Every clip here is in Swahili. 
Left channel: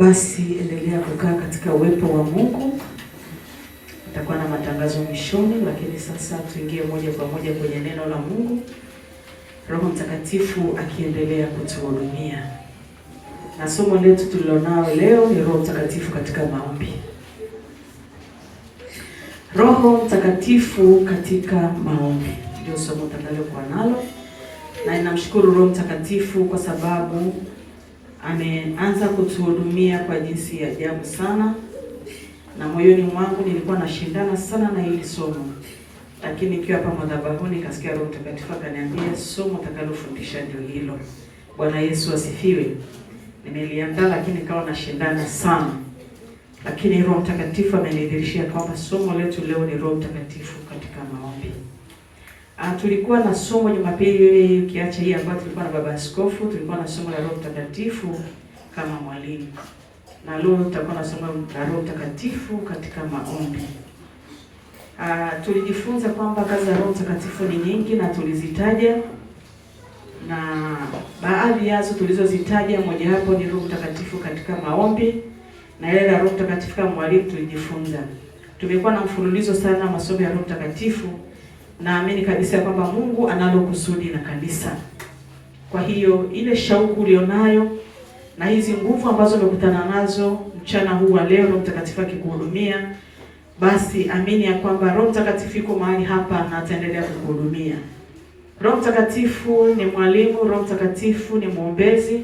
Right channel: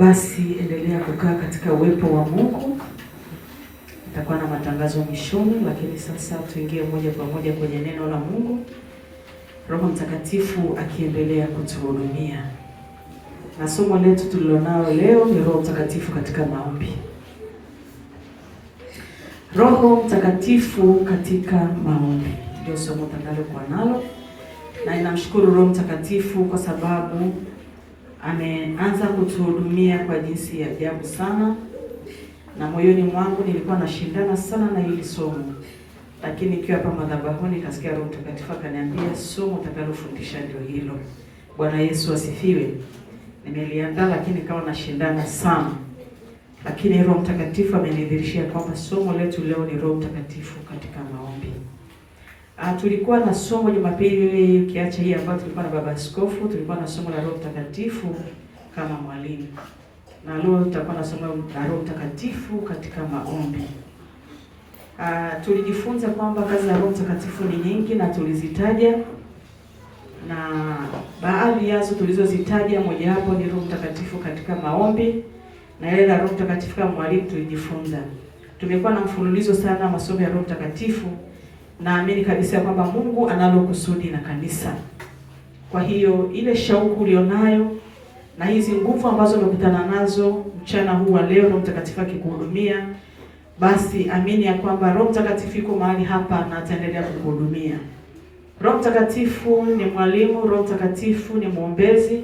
Basi endelea kukaa katika uwepo wa Mungu. Nitakuwa na matangazo mwishoni, lakini sasa tuingie moja kwa moja kwenye neno la Mungu. Roho Mtakatifu akiendelea kutuhudumia. Na somo letu tulilonalo leo ni Roho Mtakatifu katika maombi. Roho Mtakatifu katika maombi ndio somo tunalokuwa nalo. Na ninamshukuru Roho Mtakatifu kwa sababu ameanza kutuhudumia kwa jinsi ya ajabu sana. Na moyoni mwangu nilikuwa nashindana sana na hili somo. Lakini nikiwa hapa madhabahuni nikasikia Roho Mtakatifu akaniambia somo utakalofundisha ndio hilo. Bwana Yesu asifiwe. Nimeliandaa lakini nikawa nashindana sana. Lakini Roho Mtakatifu amenidhihirishia kwamba somo letu leo ni Roho Mtakatifu katika maombi. Tulikuwa na somo Jumapili ukiacha hii ambayo tulikuwa na baba askofu, tulikuwa na somo la Roho Mtakatifu kama mwalimu. Na leo tutakuwa na somo la Roho Mtakatifu katika maombi. Tulijifunza kwamba kazi ya Roho Mtakatifu ni nyingi na tulizitaja, na baadhi yazo tulizozitaja moja hapo ni Roho Mtakatifu katika maombi, na ile la Roho Mtakatifu kama mwalimu tulijifunza. Tumekuwa na mfululizo sana masomo ya Roho Mtakatifu. Naamini kabisa kwamba Mungu analo kusudi na kanisa. Kwa hiyo ile shauku ulionayo na hizi nguvu ambazo umekutana nazo mchana huu wa leo, Roho Mtakatifu akikuhudumia, basi amini ya kwamba Roho Mtakatifu yuko mahali hapa na ataendelea kukuhudumia. Roho Mtakatifu ni mwalimu, Roho Mtakatifu ni mwombezi,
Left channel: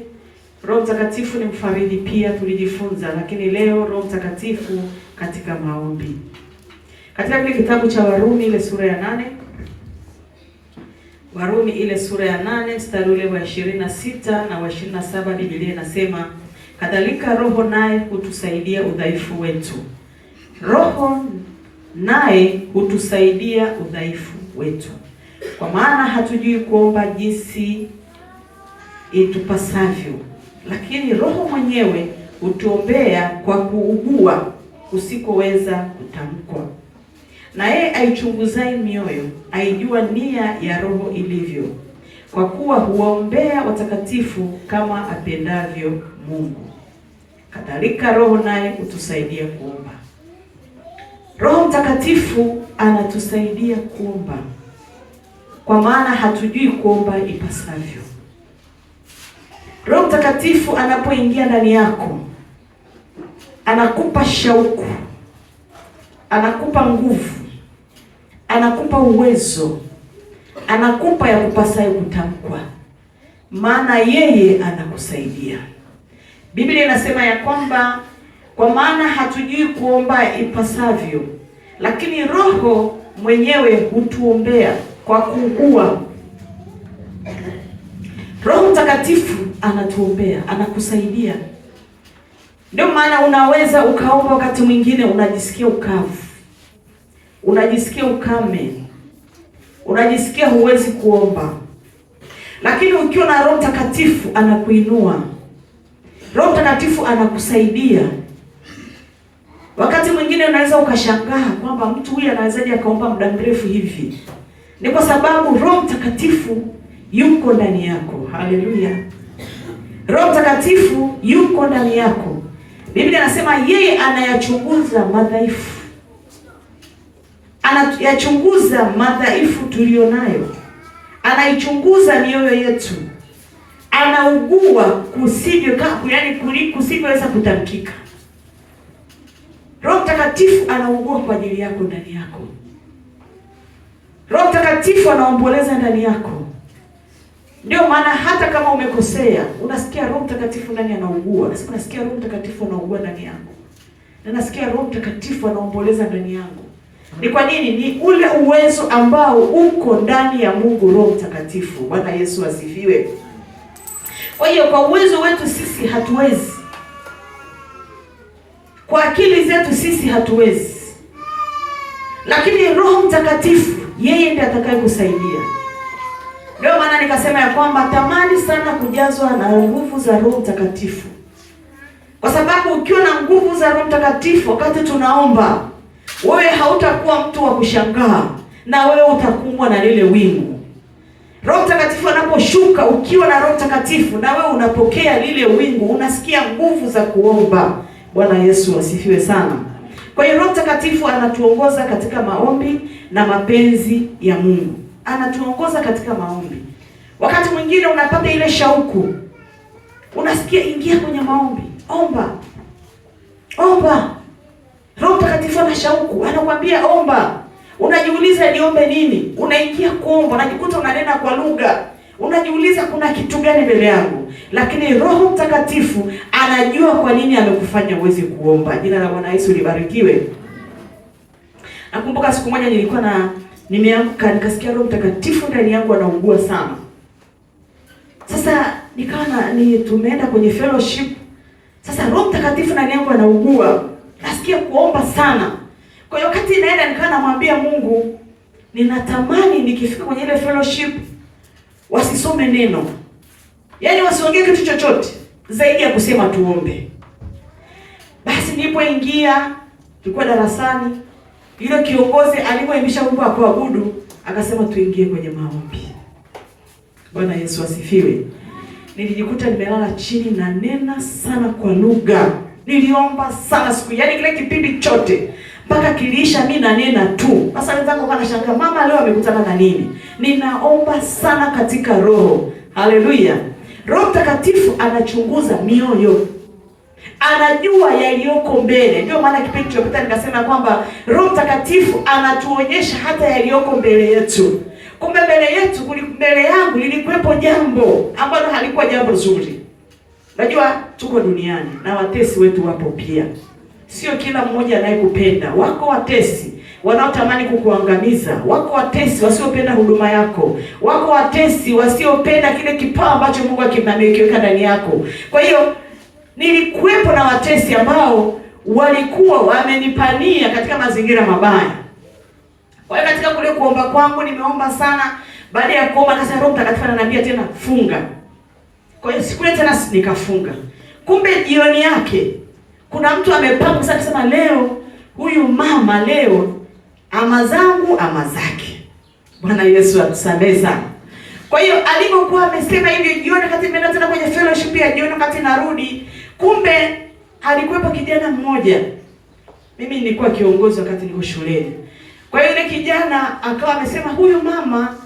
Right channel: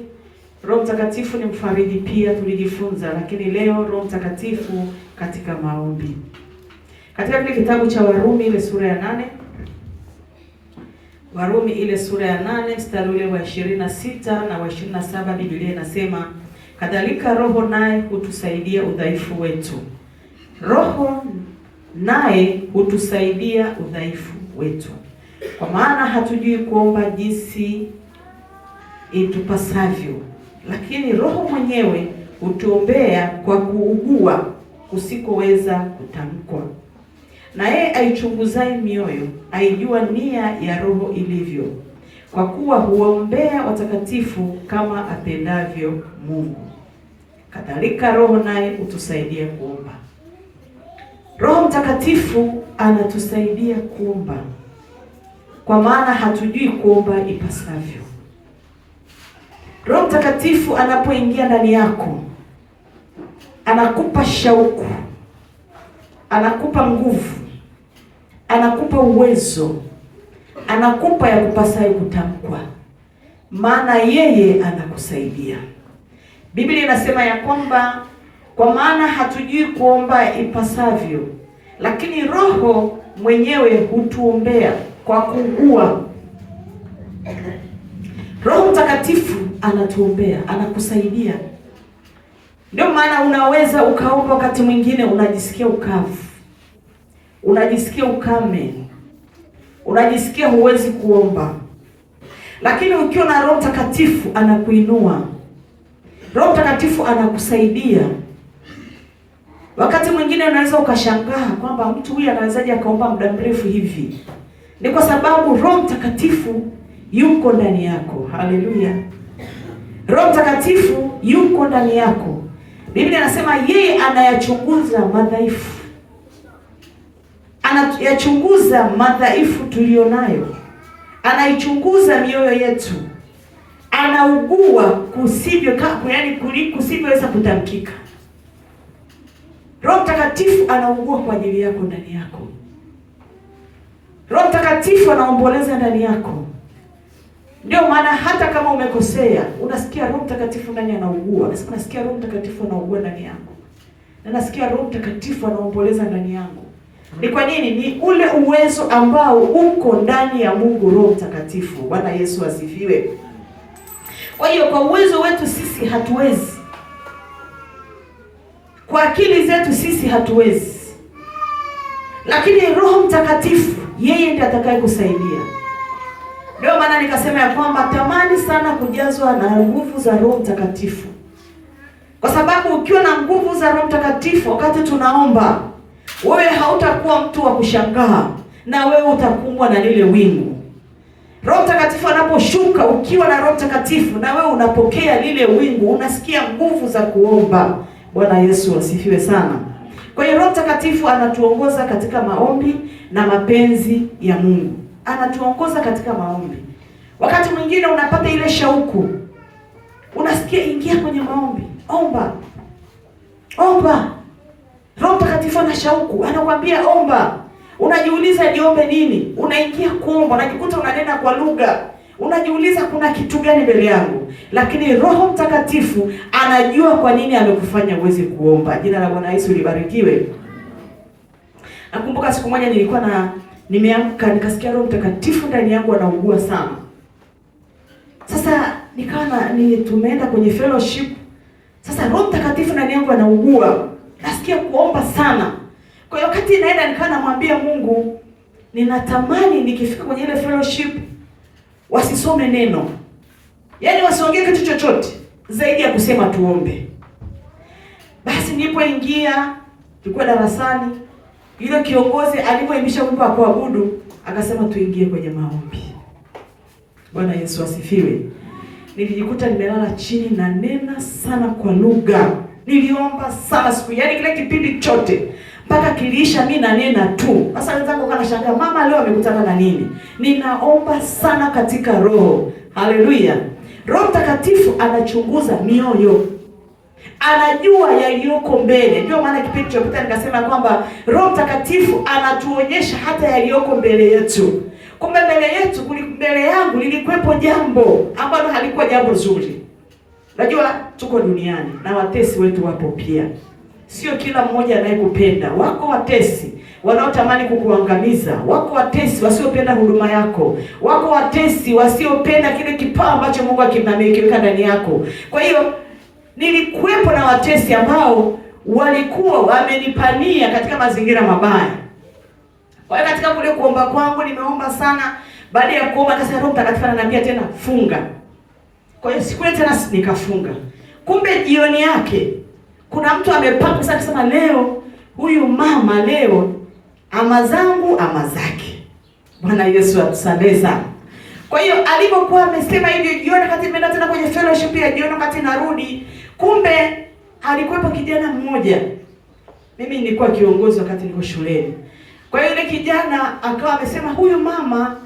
Roho Mtakatifu ni mfariji pia tulijifunza, lakini leo Roho Mtakatifu katika maombi. Katika kile kitabu cha Warumi ile sura ya 8, Warumi ile sura ya 8 mstari ule wa 26 na wa 27, Biblia inasema, kadhalika Roho naye hutusaidia udhaifu wetu. Roho naye hutusaidia udhaifu wetu. Kwa maana hatujui kuomba jinsi itupasavyo, lakini Roho mwenyewe hutuombea kwa kuugua kusikoweza kutamkwa. Na yeye aichunguzaye mioyo aijua nia ya Roho ilivyo, kwa kuwa huwaombea watakatifu kama apendavyo Mungu. Kadhalika Roho naye hutusaidia kuomba. Roho Mtakatifu anatusaidia kuomba, kwa maana hatujui kuomba ipasavyo. Roho Mtakatifu anapoingia ndani yako, anakupa shauku, anakupa nguvu, anakupa uwezo, anakupa ya kupasayo kutamkwa, maana yeye anakusaidia. Biblia inasema ya kwamba kwa maana hatujui kuomba ipasavyo, lakini Roho mwenyewe hutuombea kwa kuugua. Roho Mtakatifu anatuombea, anakusaidia. Ndio maana unaweza ukaomba wakati mwingine unajisikia ukavu, unajisikia ukame, unajisikia huwezi kuomba. Lakini ukiwa na Roho Mtakatifu anakuinua. Roho Mtakatifu anakusaidia. Wakati mwingine unaweza ukashangaa kwamba mtu huyu anawezaje akaomba muda mrefu hivi. Ni kwa sababu Roho Mtakatifu yuko ndani yako. Haleluya. Roho Mtakatifu yuko ndani yako. Biblia inasema yeye anayachunguza madhaifu. Anayachunguza madhaifu tulionayo. Anaichunguza mioyo yetu. Anaugua kusivyoweza kutamkika. Roho Mtakatifu anaugua kwa ajili yako ndani yako. Roho Mtakatifu anaomboleza ndani yako. Ndio maana hata kama umekosea, unasikia Roho Mtakatifu ndani anaugua. Unasikia Roho Mtakatifu anaugua ndani yako. Na nasikia Roho Mtakatifu anaomboleza ndani yangu. Ni kwa nini? Ni ule uwezo ambao uko ndani ya Mungu Roho Mtakatifu. Bwana Yesu asifiwe. Kwa hiyo kwa uwezo wetu sisi hatuwezi. Kwa akili zetu sisi hatuwezi. Lakini Roho Mtakatifu yeye ndiye atakayekusaidia. Ndio maana nikasema ya kwamba tamani sana kujazwa na nguvu za Roho Mtakatifu. Kwa sababu ukiwa na nguvu za Roho Mtakatifu wakati tunaomba, wewe hautakuwa mtu wa kushangaa, na wewe utakumbwa na lile wingu. Roho Mtakatifu anaposhuka, ukiwa na Roho Mtakatifu na wewe unapokea lile wingu, unasikia nguvu za kuomba. Bwana Yesu asifiwe sana. Kwa hiyo Roho Mtakatifu anatuongoza katika maombi na mapenzi ya Mungu. Anatuongoza katika maombi. Wakati mwingine unapata ile shauku, unasikia ingia kwenye maombi, omba. Omba. Roho Mtakatifu ana shauku, anakuambia omba. Unajiuliza niombe nini? Unaingia kuomba, unajikuta unanena kwa lugha. Unajiuliza kuna kitu gani mbele yangu? Lakini Roho Mtakatifu anajua kwa nini amekufanya uweze kuomba. Jina la Bwana Yesu libarikiwe. Nakumbuka siku moja nilikuwa nimeamka nikasikia Roho Mtakatifu ndani yangu anaugua sana. Sasa nikawa tumeenda kwenye fellowship. Sasa Roho Mtakatifu ndani yangu anaugua. Nasikia kuomba sana. Kwa hiyo wakati naenda nikawa namwambia Mungu, ninatamani nikifika kwenye ile fellowship wasisome neno. Yaani wasiongee kitu chochote zaidi ya kusema tuombe. Basi nilipoingia, tulikuwa darasani, yule kiongozi alipoimisha wimbo wa kuabudu, akasema tuingie kwenye maombi. Bwana Yesu asifiwe. Nilijikuta nimelala chini na nena sana kwa lugha. Niliomba sana siku, yaani kile kipindi chote mpaka kiliisha mimi na nena tu. Sasa wenzangu wanashangaa, mama leo amekutana na nini? Ninaomba sana katika roho. Haleluya. Roho Mtakatifu anachunguza mioyo. Anajua yaliyoko mbele. Ndio maana kipindi kilichopita nikasema kwamba Roho Mtakatifu anatuonyesha hata yaliyoko mbele yetu. Kumbe mbele yangu lilikuwepo jambo ambalo halikuwa jambo zuri. Najua tuko duniani na watesi wetu wapo pia. Sio kila mmoja anayekupenda. Wako watesi wanaotamani kukuangamiza. Wako watesi wasiopenda huduma yako. Wako watesi wasiopenda kile kipawa ambacho Mungu ameweka ndani yako. Kwa hiyo nilikuwepo na watesi ambao walikuwa wamenipania katika mazingira mabaya. Kwa hiyo katika kule kuomba kwangu nimeomba sana. Baada ya kuomba sasa Roho Mtakatifu ananiambia tena funga. Kwa hiyo siku ile tena nikafunga. Kumbe jioni yake kuna mtu amepanga sasa kusema leo huyu mama leo ama zangu ama zake. Bwana Yesu atusamehe sana. Kwa hiyo alipokuwa amesema hivi jioni wakati nimeenda tena kwenye fellowship ya jioni wakati narudi, kumbe alikuwepo kijana mmoja. Mimi nilikuwa kiongozi wakati niko shuleni. Kwa hiyo ile kijana akawa amesema huyu mama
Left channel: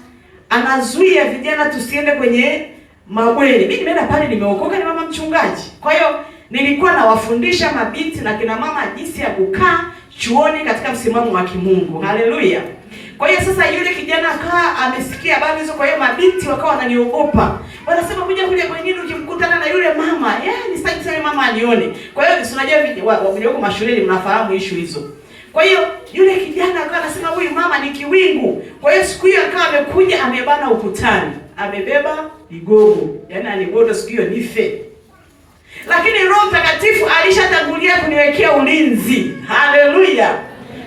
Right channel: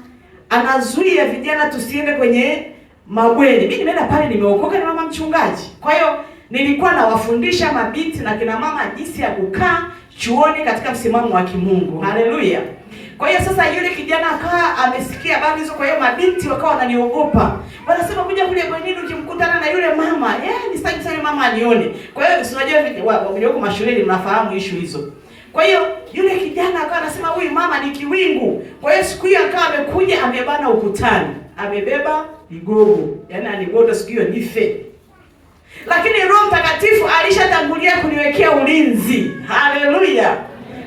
anazuia vijana tusiende kwenye mabweni. Mimi nimeenda pale nimeokoka, ni mama mchungaji. Kwa hiyo nilikuwa nawafundisha mabinti na kina mama jinsi ya kukaa chuoni katika msimamo wa kimungu. Haleluya. Kwa hiyo sasa yule kijana akawa amesikia habari hizo, kwa hiyo mabinti wakawa wananiogopa. Wanasema kuja kule bwenini ukimkutana na yule mama, ni sitaki sana mama anione. Kwa hiyo unajua walioko mashuleni mnafahamu issue hizo. Kwa hiyo yule kijana akawa anasema huyu mama ni kiwingu. Kwa hiyo siku hiyo akawa amekuja amebana ukutani. Amebeba igogo. Yaani aligodo siku hiyo nife. Lakini Roho Mtakatifu alishatangulia kuniwekea ulinzi. Haleluya.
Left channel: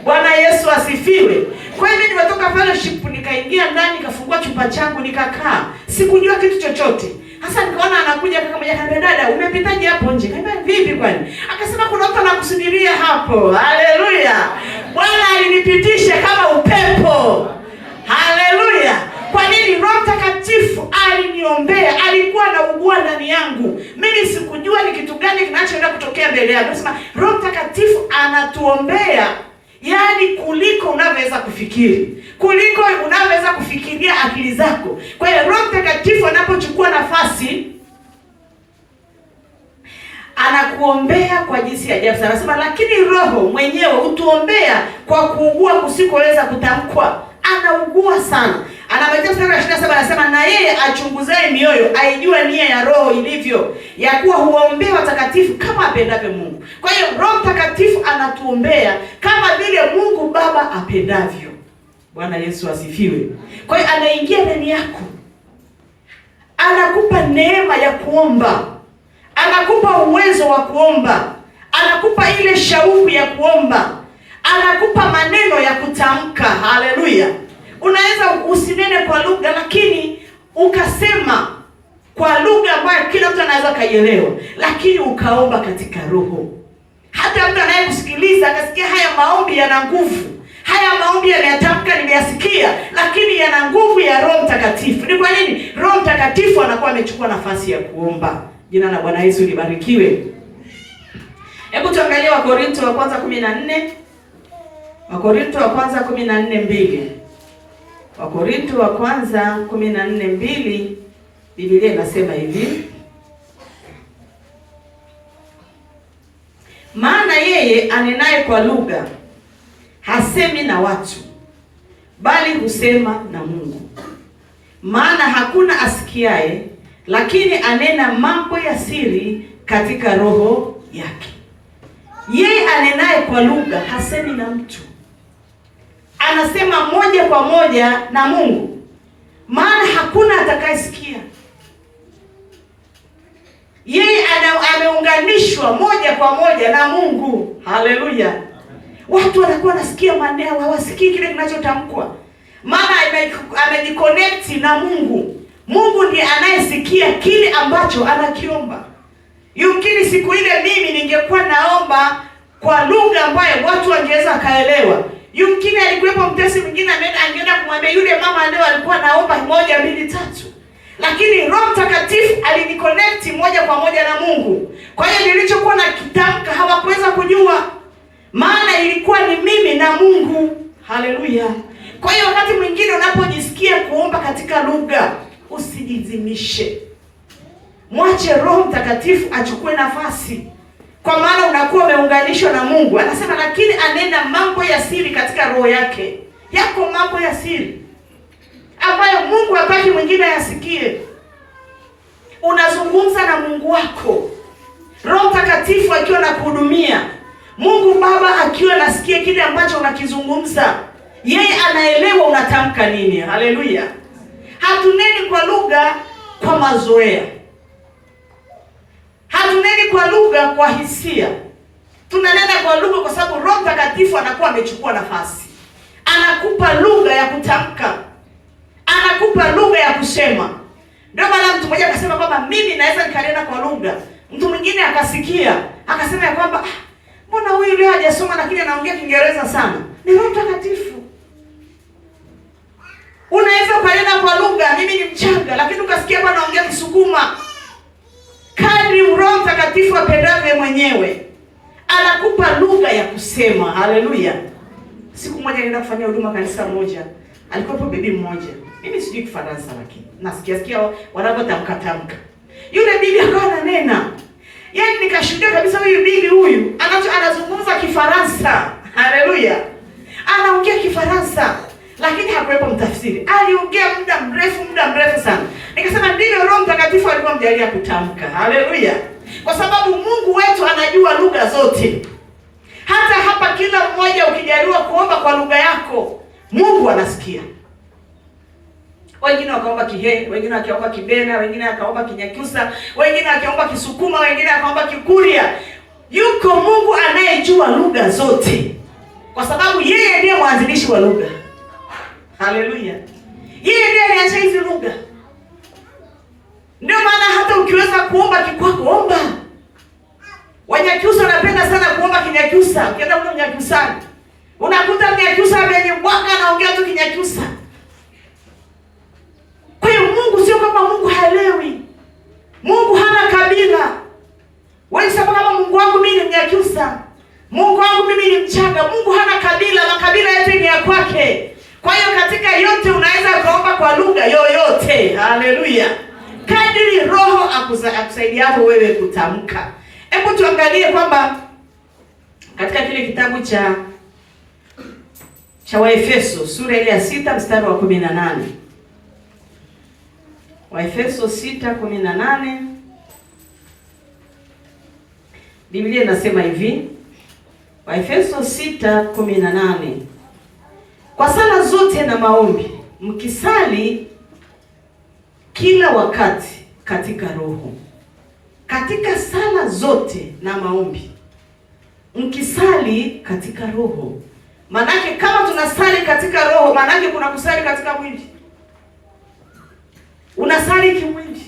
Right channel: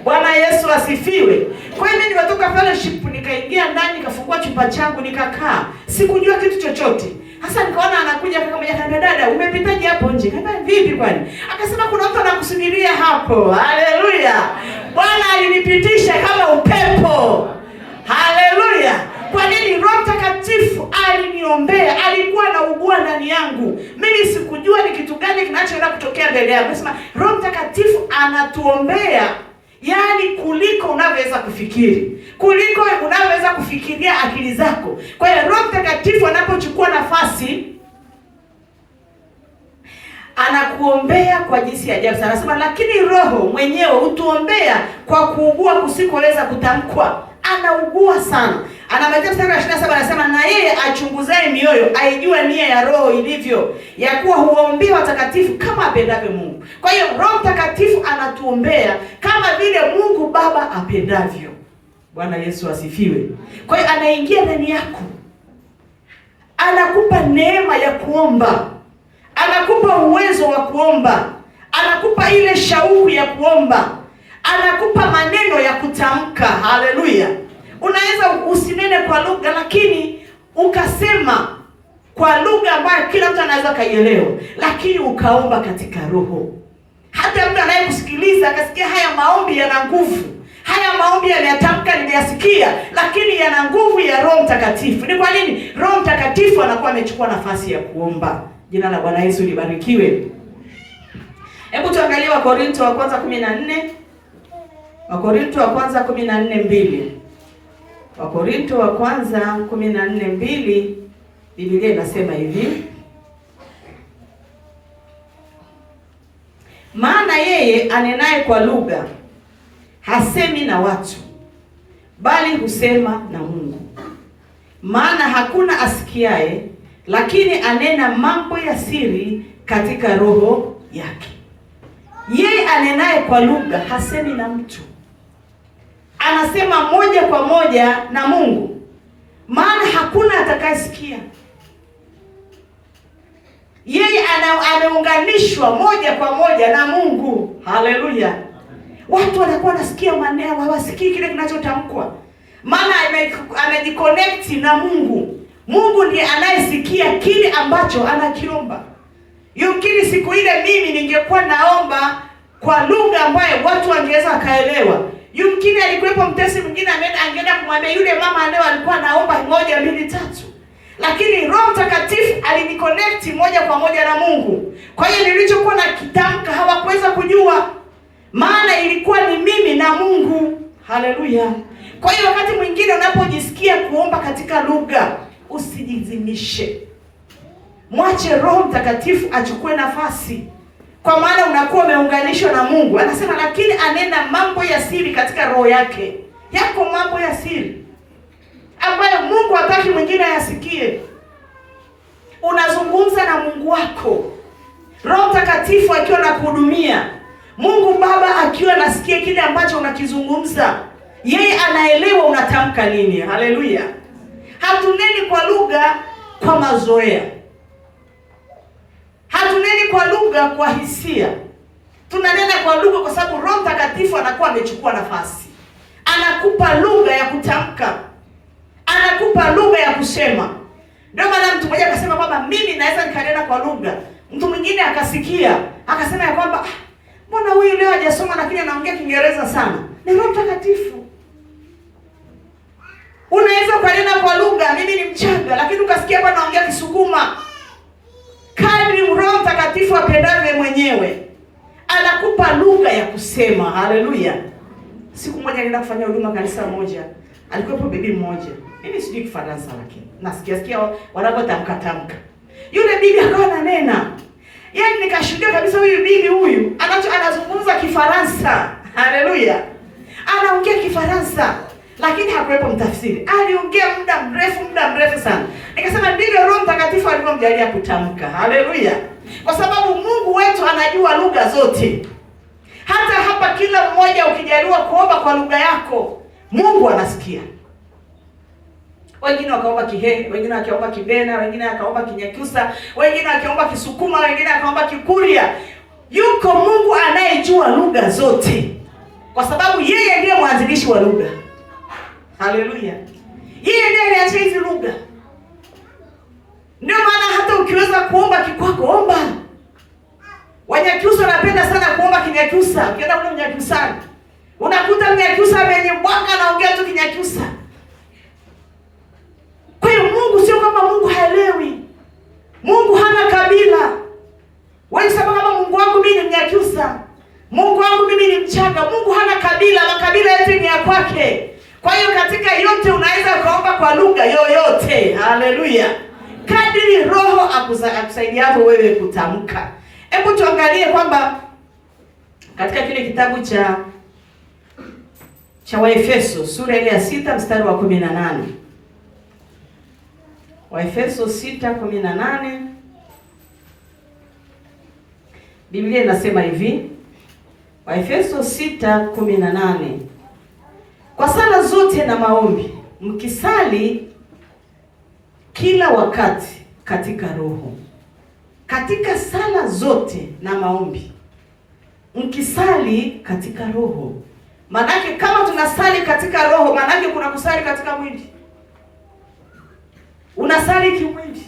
Bwana Yesu asifiwe. Kwa hiyo mimi nimetoka fellowship nikaingia ndani nikafungua chumba changu nikakaa. Sikujua kitu chochote. Hasa nikaona anakuja kama yeye, dada umepitaje hapo nje? Nikamwambia vipi kwani? Akasema kuna mtu anakusubiria hapo. Haleluya. Bwana alinipitisha kama upepo. Haleluya. Kwa nini? Roho Mtakatifu aliniombea, alikuwa anaugua ndani yangu. Mimi sikujua ni kitu gani kinachoenda kutokea mbele yangu. Nasema Roho Mtakatifu anatuombea, yaani kuliko unavyoweza kufikiri. Kuliko unavyoweza kufikiria akili zako. Kwa hiyo Roho Mtakatifu anapochukua nafasi anakuombea kwa jinsi ya ajabu sana. Anasema lakini Roho mwenyewe hutuombea kwa kuugua kusikoweza kutamkwa. Anaugua sana. Anamaliza mstari wa 27 anasema na yeye achunguzaye mioyo aijue nia ya Roho ilivyo, ya kuwa huwaombea watakatifu kama apendavyo Mungu. Kwa hiyo Roho Mtakatifu anatuombea kama vile Mungu Baba apendavyo. Bwana Yesu asifiwe. Kwa hiyo anaingia ndani yako. Anakupa neema ya kuomba. Anakupa uwezo wa kuomba. Anakupa ile shauku ya kuomba. Anakupa maneno ya kutamka. Haleluya. Unaweza usinene kwa lugha lakini ukasema kwa lugha ambayo kila mtu anaweza kaielewa, lakini ukaomba katika roho. Hata mtu anayekusikiliza akasikia haya maombi yana nguvu. haya maombi yameyatamka, nimeyasikia, lakini yana nguvu ya Roho Mtakatifu. Ni kwa nini? Roho Mtakatifu anakuwa amechukua nafasi ya kuomba. Jina la Bwana Yesu libarikiwe. Hebu tuangalie Wakorintho wa kwanza 14. Wakorintho wa kwanza 14:2. Wakorintho wa kwanza 14:2, Biblia inasema hivi: maana yeye anenaye kwa lugha hasemi na watu, bali husema na Mungu. Maana hakuna asikiaye, lakini anena mambo ya siri katika roho yake. Yeye anenaye kwa lugha hasemi na mtu, anasema moja kwa moja na Mungu, maana hakuna atakayesikia. Yeye ameunganishwa moja kwa moja na Mungu. Haleluya! Watu wanakuwa nasikia maneno, hawasikii kile kinachotamkwa, maana amejiconnect na Mungu. Mungu ndiye anayesikia kile ambacho anakiomba. Yumkini siku ile mimi ningekuwa naomba kwa lugha ambayo watu wangeweza kaelewa. Yumkini alikuwepo mtesi mwingine angeenda kumwambia yule mama leo alikuwa naomba 1 2 3. Lakini Roho Mtakatifu aliniconnect moja kwa moja na Mungu. Kwa hiyo nilichokuwa nakitamka hawakuweza kujua, maana ilikuwa ni mimi na Mungu. Haleluya! Kwa hiyo wakati mwingine unapojisikia kuomba katika lugha, usijizimishe. Mwache Roho Mtakatifu achukue nafasi, kwa maana unakuwa umeunganishwa na Mungu. Anasema lakini anena mambo ya siri katika roho yake. Yako mambo ya siri ambayo Mungu hataki mwingine ayasikie. Unazungumza na Mungu wako, Roho Mtakatifu akiwa anakuhudumia, Mungu Baba akiwa anasikia kile ambacho unakizungumza. Yeye anaelewa unatamka nini. Haleluya! Hatuneni kwa lugha kwa mazoea. Hatuneni kwa lugha kwa hisia. Tunanena kwa lugha kwa sababu Roho Mtakatifu anakuwa amechukua nafasi. Anakupa lugha ya kutamka, anakupa lugha ya kusema. Ndio maana mtu mmoja akasema kwamba mimi naweza nikanena kwa lugha. Mtu mwingine akasikia, akasema ya kwamba mbona huyu leo hajasoma lakini anaongea Kiingereza sana? Ni Roho Mtakatifu. Unaweza kunena kwa lugha, mimi ni mchanga, lakini ukasikia hapa anaongea Kisukuma. Kadri Roho Mtakatifu apendavyo mwenyewe, anakupa lugha ya kusema. Haleluya! Siku moja nilienda kufanya huduma kanisa moja. Alikuwa bibi mmoja. Mimi sijui Kifaransa lakini nasikia wanapotamka. Yule bibi akawa ananena. Yaani nikashuhudia kabisa huyu bibi huyu anazungumza Kifaransa. Haleluya! Anaongea Kifaransa lakini hakuwepo mtafsiri. Aliongea muda mrefu sana. Nikasema ndivyo Roho Mtakatifu alikuwa mjalia kutamka. Haleluya! Kwa sababu Mungu wetu anajua lugha zote. Hata hapa kila mmoja ukijaliwa kuomba kwa lugha yako, Mungu anasikia. Wengine wakaomba Kihehe, wengine wakaomba Kibena, wengine wakaomba Kinyakyusa, wengine wakaomba Kisukuma, wengine wakaomba Kikuria. Yuko Mungu anayejua lugha zote, kwa sababu yeye ndiye mwanzilishi wa lugha. Haleluya! Yeye ndiye alianzisha hizi lugha. Ndio maana hata ukiweza kuomba Kikwako, omba. Wanyakyusa wanapenda sana kuomba Kinyakyusa. Ukienda kule Kinyakyusa, unakuta Kinyakyusa amenyebwaka anaongea tu Kinyakyusa. Kwa hiyo Mungu sio kama Mungu haelewi. Mungu hana kabila. Wewe sema kama Mungu wangu mimi ni Mnyakyusa, Mungu wangu mimi ni Mchaga. Mungu hana kabila, makabila yote ni ya kwake. Kwa hiyo katika yote unaweza kuomba kwa lugha yoyote. Haleluya! Kadiri Roho akusaidia wewe kutamka. Hebu tuangalie kwamba katika kile kitabu cha Waefeso sura ile ya 6 mstari wa 18. Waefeso 6:18. Biblia inasema hivi. Waefeso 6:18. Kwa sala zote na maombi mkisali kila wakati katika roho. Katika sala zote na maombi mkisali katika roho. Manake kama tunasali katika roho, manake kuna kusali katika mwili. Unasali kimwili,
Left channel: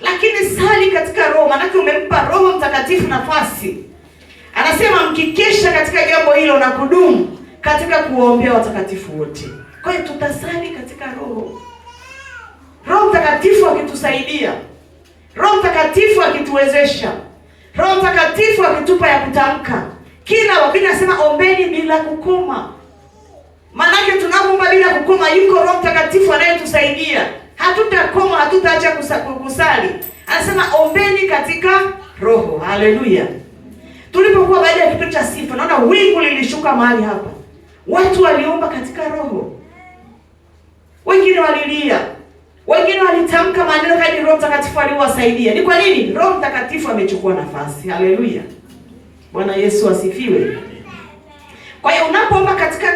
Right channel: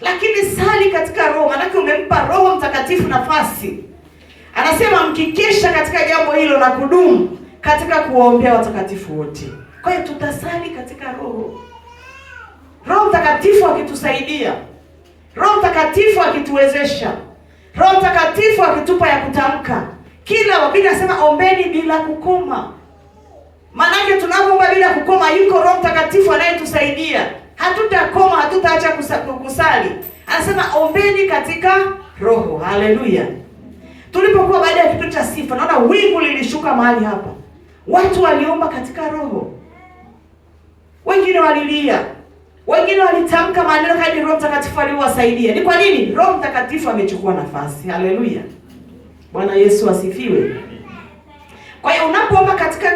lakini sali katika roho, manake umempa Roho Mtakatifu nafasi. Anasema mkikesha katika jambo hilo na kudumu katika kuombea watakatifu wote. Kwa hiyo tutasali katika Roho. Roho Mtakatifu akitusaidia, Roho Mtakatifu akituwezesha, Roho Mtakatifu akitupa ya kutamka. Kila wakati nasema ombeni bila kukoma. Maanake tunapoomba bila kukoma, yuko Roho Mtakatifu anayetusaidia. Hatutakoma, hatutaacha kusali. Anasema ombeni katika Roho. Haleluya. Tulipokuwa baada ya kipindi cha sifa, naona wingu lilishuka mahali hapa. Watu waliomba katika Roho. Wengine walilia. Wengine walitamka maneno kadri Roho Mtakatifu aliwasaidia. Ni kwa nini? Roho Mtakatifu amechukua nafasi. Haleluya. Bwana Yesu asifiwe. Kwa hiyo unapoomba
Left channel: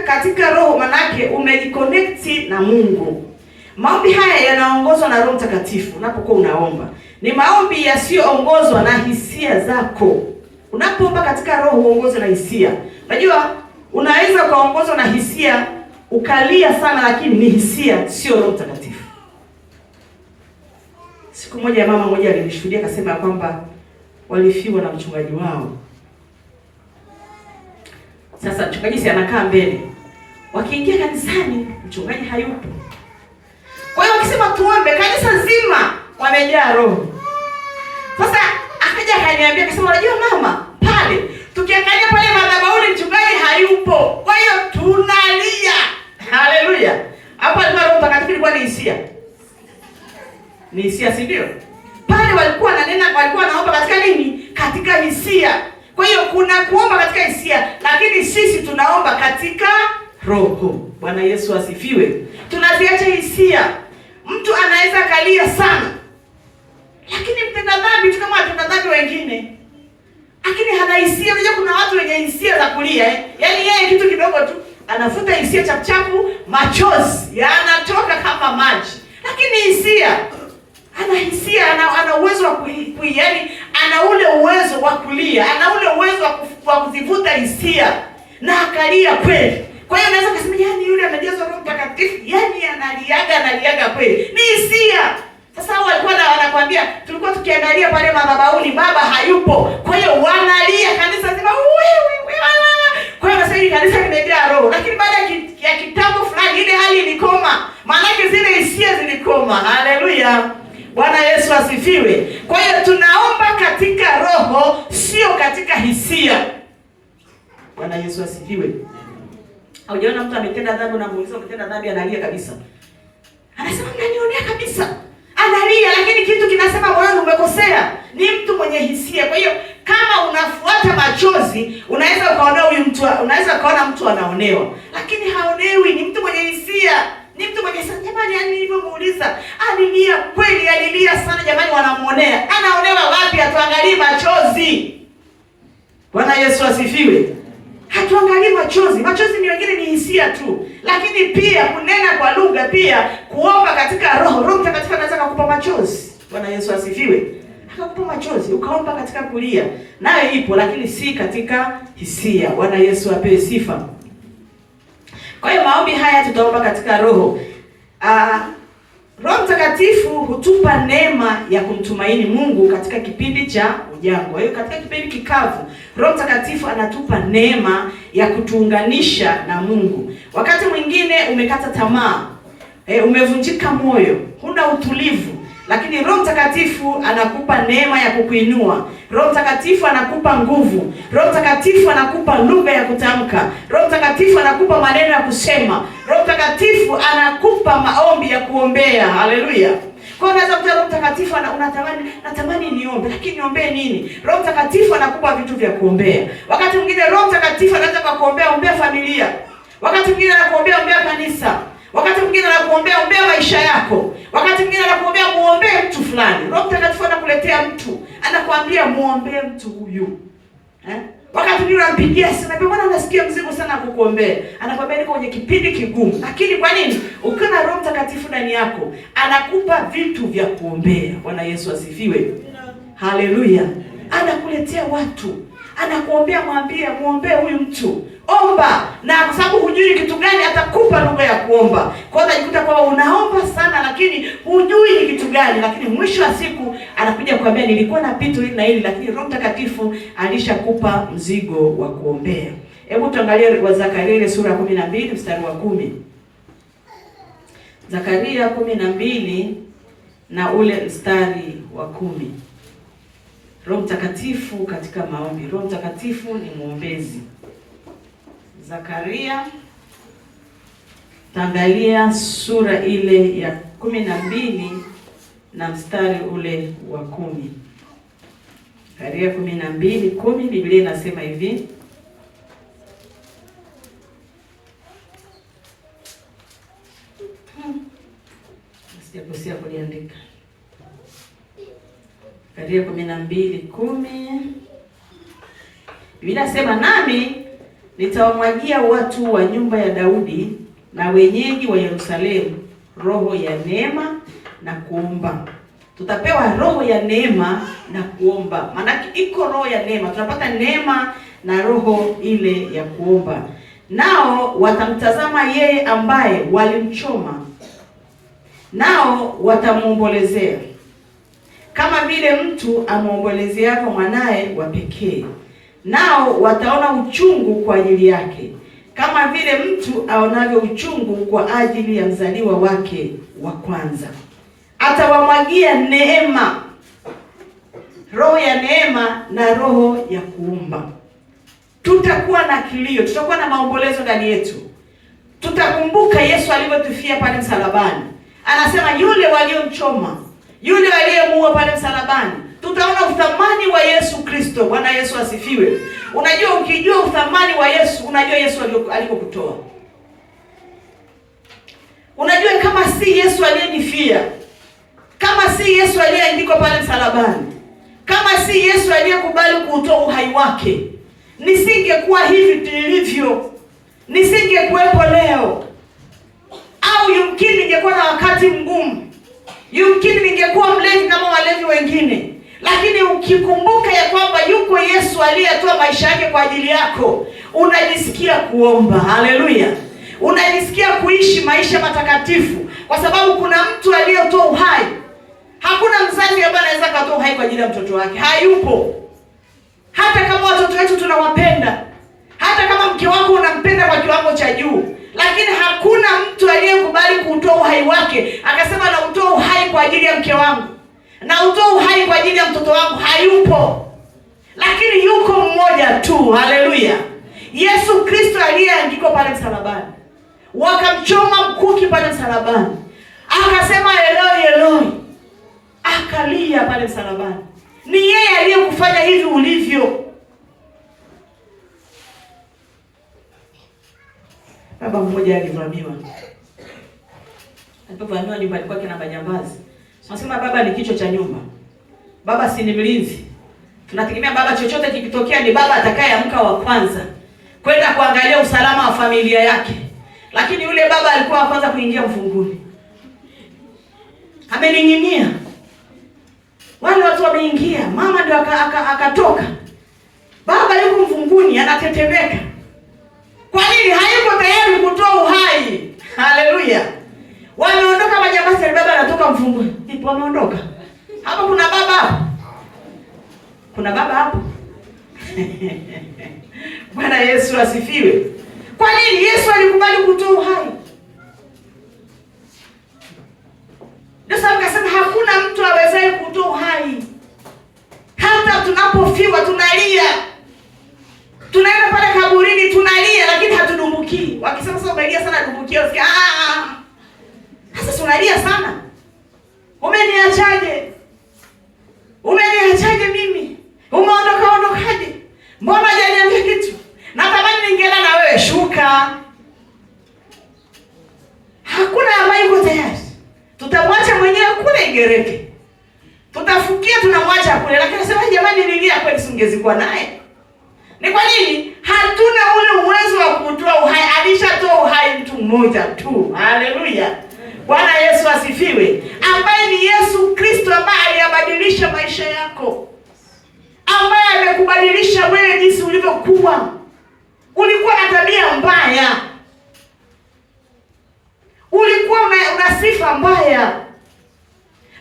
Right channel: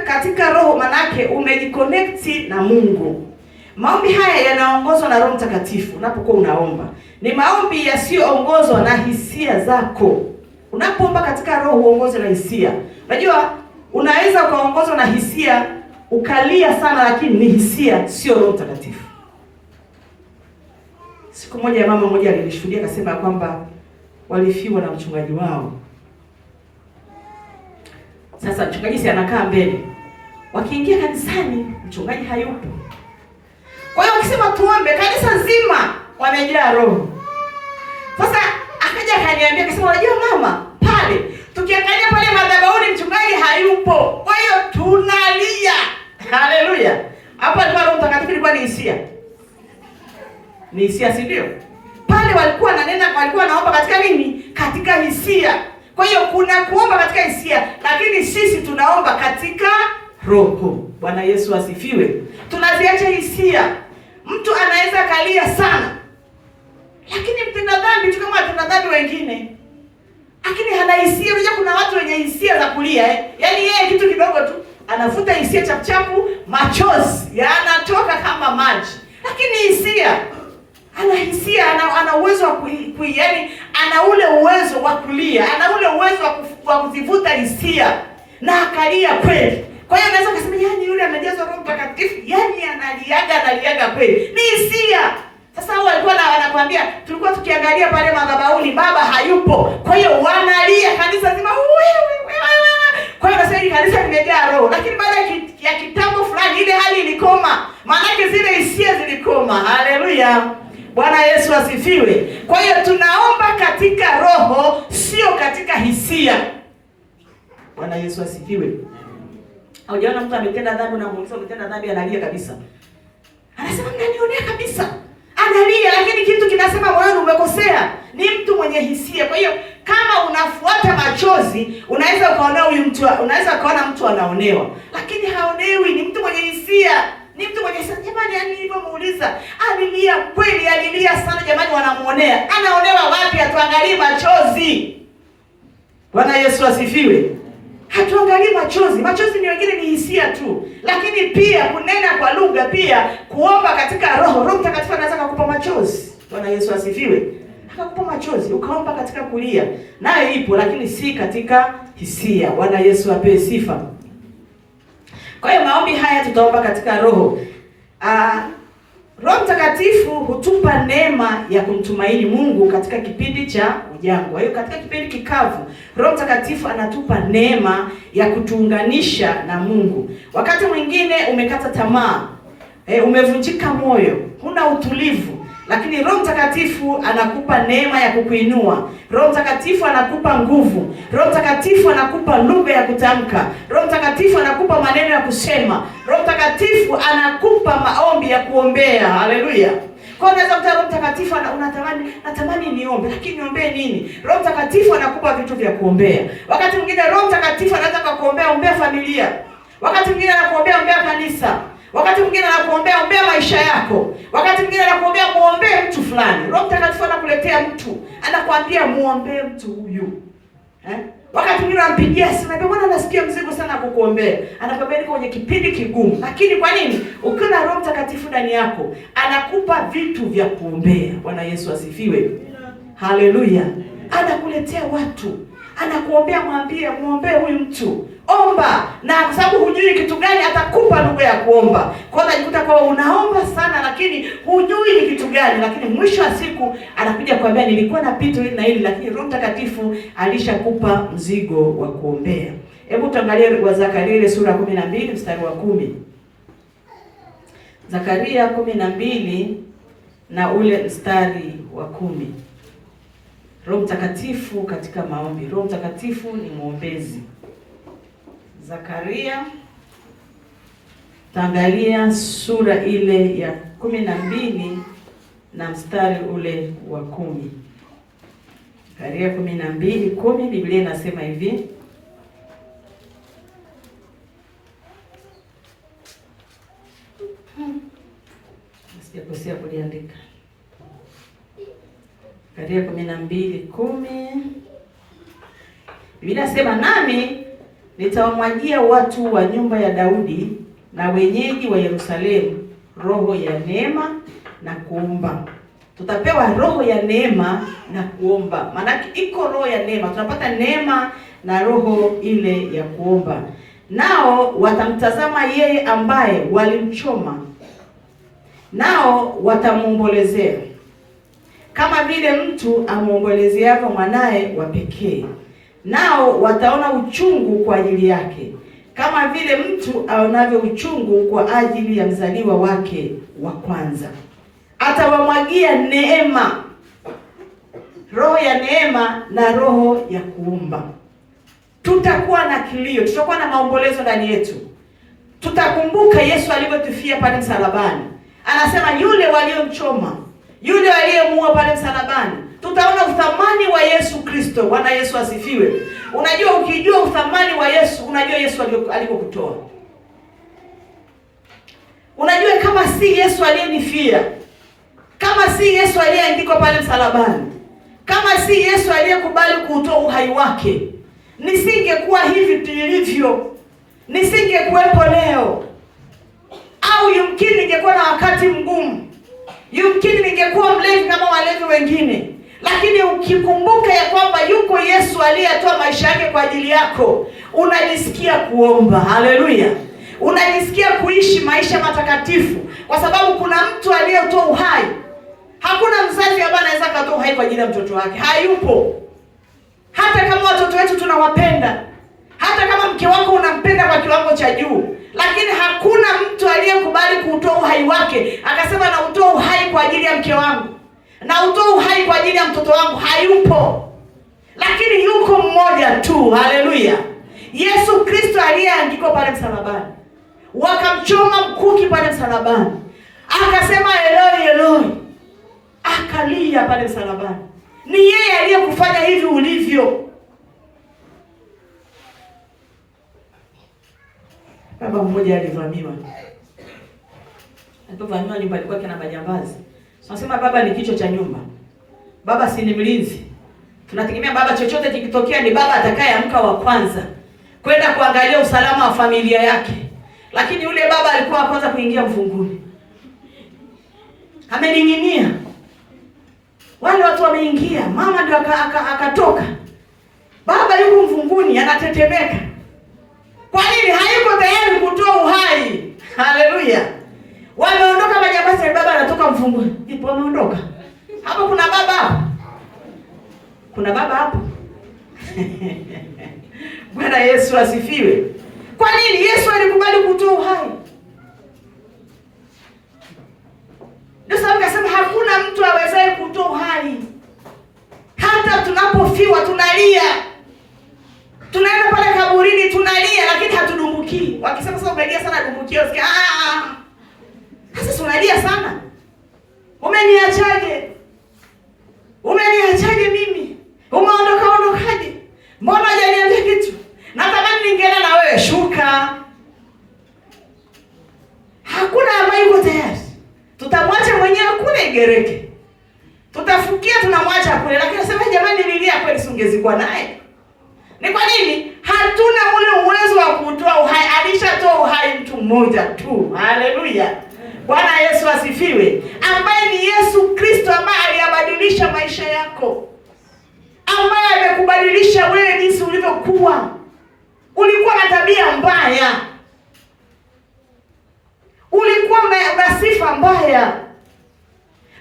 katika Roho, manake umejiconnect na Mungu. Maombi haya yanaongozwa na Roho Mtakatifu. Unapokuwa unaomba, ni maombi yasiyoongozwa na hisia zako. Unapoomba katika Roho uongozwe na hisia. Unajua unaweza kuongozwa na hisia ukalia sana, lakini ni hisia, sio Roho Mtakatifu. Siku moja mama mmoja alinishuhudia akasema kwamba walifiwa na mchungaji wao. Sasa mchungaji si anakaa mbele. Wakiingia kanisani mchungaji hayupo. Kwa hiyo wakisema tuombe, kanisa nzima wamejaa Roho. Sasa akaja akaniambia akasema, unajua mama, pale tukiangalia pale madhabahuni mchungaji hayupo. Kwa hiyo tunalia. Haleluya. Hapa alikuwa Roho Mtakatifu, ilikuwa ni hisia. Ni hisia, si ndio? Pale walikuwa walikuwa naomba katika nini? Katika hisia. Kwa hiyo kuna kuomba katika hisia, lakini sisi tunaomba katika Roho. Bwana Yesu asifiwe. Tunaziacha hisia. Mtu anaweza kalia sana, lakini mtenda dhambi tu kama watenda dhambi wengine, lakini hana hisia. Unajua kuna watu wenye hisia za kulia Yaani yeye kitu kidogo tu anafuta hisia chapuchapu, machozi yanatoka kama maji. Lakini hisia, ana hisia, ana uwezo wa yaani ana ule uwezo wa kulia, ana ule uwezo wa kuzivuta hisia na akalia kweli. Kwa hiyo unaweza kusema yani yule amejazwa Roho Mtakatifu, yani analiaga kweli. Ni hisia. Sasa hao walikuwa wanakuambia, tulikuwa tukiangalia pale madhabahuni baba hayupo. Kwa hiyo wanalia kanisa zima. Kwa hiyo nasema kanisa limejaa Roho. Lakini baada ya kitambo fulani ile hali ilikoma. Maana yake zile hisia zilikoma. Haleluya. Bwana Yesu asifiwe. Kwa hiyo tunaomba katika Roho, sio katika hisia. Bwana Yesu asifiwe. Haujaona mtu ametenda dhambi na muuliza umetenda dhambi analia kabisa. Anasema mnanionea kabisa. Analia, lakini kitu kinasema moyoni umekosea. Ni mtu mwenye hisia. Kwa hiyo kama unafuata machozi, unaweza ukaona mtu anaonewa. Lakini haonewi, ni mtu mwenye hisia. Ni mtu mwenye hisia. Jamani, yani nilivyomuuliza, alilia kweli, alilia sana jamani, wanamuonea. Anaonewa wapi? Atuangalie machozi. Bwana Yesu asifiwe. Hatuangalii machozi. Machozi ni wengine ni hisia tu. Lakini pia kunena kwa lugha, pia kuomba katika Roho. Roho Mtakatifu anaweza kukupa machozi. Bwana Yesu asifiwe. Akakupa machozi ukaomba katika kulia. Nayo ipo, lakini si katika hisia. Bwana Yesu apewe sifa. Kwa hiyo maombi haya tutaomba katika Roho. Roho Mtakatifu hutupa neema ya kumtumaini Mungu katika kipindi cha ujangwa. Hiyo katika kipindi kikavu, Roho Mtakatifu anatupa neema ya kutuunganisha na Mungu. Wakati mwingine umekata tamaa, umevunjika moyo, huna utulivu, lakini Roho Mtakatifu anakupa neema ya kukuinua. Roho Mtakatifu anakupa nguvu. Roho Mtakatifu anakupa lugha ya kutamka. Roho Mtakatifu anakupa maneno ya kusema. Roho Mtakatifu anakupa maombi ya kuombea. Haleluya. Kwa hiyo unaweza kuta Roho Mtakatifu natamani niombe, lakini niombe nini? Roho Mtakatifu anakupa vitu vya kuombea. Wakati mwingine Roho Mtakatifu anaweza kukuombea familia. Wakati mwingine anakuombea kanisa. Wakati mwingine anakuombea maisha yako. Wakati mwingine anakuombea muombee mtu fulani. Roho Mtakatifu anakuletea mtu, anakuambia muombee mtu huyu. Wakati mwingine anampigia simu, anambia bwana nasikia mzigo sana kukuombea. Anakuambia niko kwenye kipindi kigumu. Lakini kwa nini? Ukiwa na Roho Mtakatifu ndani yako, anakupa vitu vya kuombea. Bwana Yesu asifiwe. Haleluya. Anakuletea watu. Anakuombea, mwambie muombee huyu mtu. Omba, na kwa sababu hujui kitu gani atakupa lugha ya kuomba. Kwa hiyo unajikuta kwamba unaomba sana lakini hujui ni kitu gani, lakini mwisho wa siku anakuja kuambia nilikuwa na pitu hili na hili, lakini Roho Mtakatifu alishakupa mzigo wa kuombea. Hebu tuangalie wa Zakaria ile sura 12 mstari wa 10. Zakaria 12 na ule mstari wa 10. Roho Mtakatifu katika maombi. Roho Mtakatifu ni mwombezi. Zakaria, taangalia sura ile ya 12 na mstari ule wa 10. Zakaria 12:10, Biblia inasema hivi. Sijakosea kuliandika. Zakaria 12:10. Biblia inasema, nami nitawamwagia watu wa nyumba ya Daudi na wenyeji wa Yerusalemu roho ya neema na kuomba. Tutapewa roho ya neema na kuomba. Maana iko roho ya neema, tunapata neema na roho ile ya kuomba. Nao watamtazama yeye ambaye walimchoma, nao watamuombolezea kama vile mtu amuombolezeavyo mwanae wa pekee. Nao wataona uchungu kwa ajili yake kama vile mtu aonavyo uchungu kwa ajili ya mzaliwa wake wa kwanza. Atawamwagia neema, roho ya neema na roho ya kuomba. Tutakuwa na kilio, tutakuwa na maombolezo ndani yetu. Tutakumbuka Yesu alivyotufia pale msalabani. Anasema yule waliomchoma, yule aliyemuua pale msalabani. Tutaona uthamani wa Yesu Kristo. Bwana Yesu asifiwe. Unajua, ukijua uthamani wa Yesu, unajua Yesu alikokutoa. Unajua kama si Yesu aliyenifia, kama si Yesu aliyeandikwa pale msalabani, kama si Yesu aliyekubali kuutoa uhai wake, nisingekuwa hivi nilivyo, nisingekuwepo leo. Au yumkini ningekuwa na wakati mgumu, yumkini ningekuwa mlevi kama walevi wengine. Lakini ukikumbuka ya kwamba yuko Yesu aliyetoa maisha yake kwa ajili yako, unajisikia kuomba. Haleluya. Unajisikia kuishi maisha matakatifu kwa sababu kuna mtu aliyetoa uhai. Hakuna mzazi ambaye anaweza kutoa uhai kwa ajili ya mtoto wake. Hayupo. Hata kama watoto wetu tunawapenda, hata kama mke wako unampenda kwa kiwango cha juu, lakini hakuna mtu aliyekubali kutoa uhai wake akasema na utoa uhai kwa ajili ya mke wangu, na utoa uhai kwa ajili ya mtoto wangu. Hayupo. Lakini yuko mmoja tu. Haleluya. Yesu Kristo aliyeangikwa pale msalabani. Wakamchoma mkuki pale msalabani. Akasema Eloi Eloi. Akalia pale msalabani. Ni yeye aliyekufanya hivi ulivyo. Baba mmoja alivamiwa. Alipovamiwa nyumba ilikuwa kina majambazi. Tunasema baba ni kichwa cha nyumba. Baba si ni mlinzi. Tunategemea baba chochote kikitokea ni baba atakayeamka wa kwanza kwenda kuangalia usalama wa familia yake. Lakini yule baba alikuwa wa kwanza kuingia mfunguni. Amening'inia. Wale watu wameingia, mama ndio akatoka. Baba yuko mfunguni anatetemeka. Kwa nini? Hayuko tayari kutoa uhai. Haleluya. Wameondoka majambazi, baba anatoka mfunguni. Ndipo wameondoka. Hapo kuna baba hapo. Kuna baba hapo. Bwana Yesu asifiwe. Kwa nini? Yesu alikubali kutoa uhai. Ndio sababu akasema hakuna mtu awezaye kutoa uhai. Hata tunapofiwa tunalia. Tunaenda pale kaburini tunalia, lakini hatudumbuki. Wakisema sasa umelia sana dumbukia, usikia sasa tunalia sana. Umeniachaje? Umeniachaje mimi? Ondokaje? Mbona hujaniambia kitu? Natamani ningeenda na wewe. Shuka. Hakuna ambaye yuko tayari. Tutamwacha mwenyewe kule Igereke. Tutafukia tunamwacha kule, lakini nasema jamani, nilia kweli singezikuwa naye. Ni kwa nini? Hatuna ule uwezo wa kutoa uhai. Alishatoa uhai mtu mmoja tu. Haleluya. Bwana Yesu asifiwe. Ambaye ni Yesu Kristo, ambaye aliyabadilisha maisha yako. Ambaye amekubadilisha wewe jinsi ulivyokuwa. Ulikuwa na tabia mbaya. Ulikuwa una sifa mbaya.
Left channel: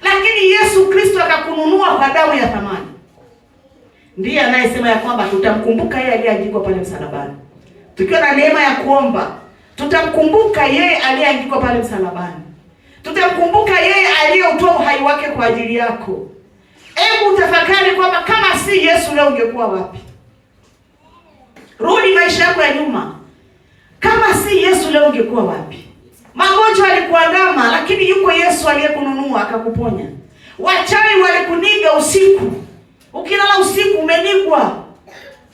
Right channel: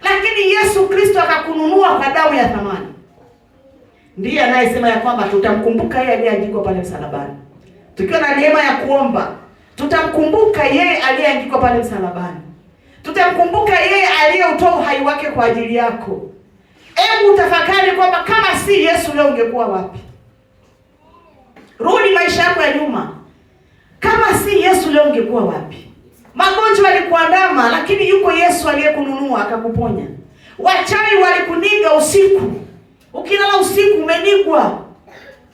Lakini Yesu Kristo akakununua kwa damu ya thamani. Ndiye anayesema ya kwamba tutamkumbuka yeye aliyeandikwa pale msalabani. tukiwa na neema ya kuomba, tutamkumbuka yeye aliyeangikwa pale msalabani. Tutamkumbuka yeye aliyeutoa uhai wake kwa ajili yako. Hebu tafakari kwamba kama si Yesu leo ungekuwa wapi? Rudi maisha yako ya nyuma. Kama si Yesu leo ungekuwa wapi? Magonjwa yalikuandama, lakini yuko Yesu aliyekununua akakuponya. Wachawi walikuniga usiku. Ukilala usiku umenigwa.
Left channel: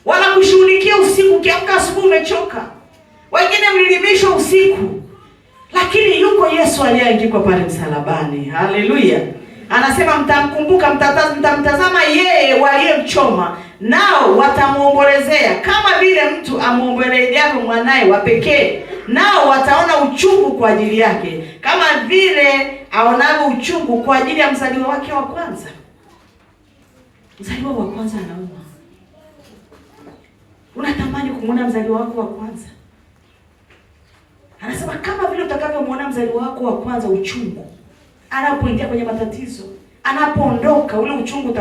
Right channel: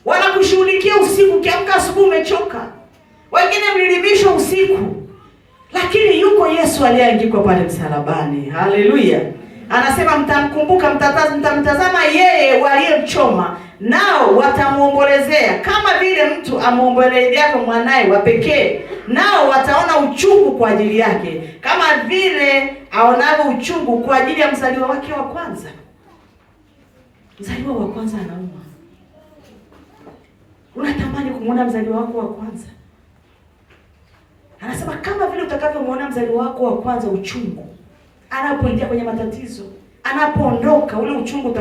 Wanakushughulikia usiku, ukiamka asubuhi umechoka. Wengine mlilimishwa usiku. Lakini yuko Yesu aliyeangikwa pale msalabani. Haleluya. Anasema mtamkumbuka, mtamtazama yeye waliyemchoma, nao watamuombolezea kama vile mtu amuombolezeavyo mwanae wa pekee. Nao wataona uchungu kwa ajili yake kama vile aonavyo uchungu kwa ajili ya mzaliwa wake wa kwanza. Mzaliwa wa kwanza anauma. Unatamani kumuona mzaliwa wako wa kwanza? Anasema kama vile utakavyomwona mzaliwa wako wa kwanza uchungu anapoingia kwenye matatizo, anapoondoka, ule uchungu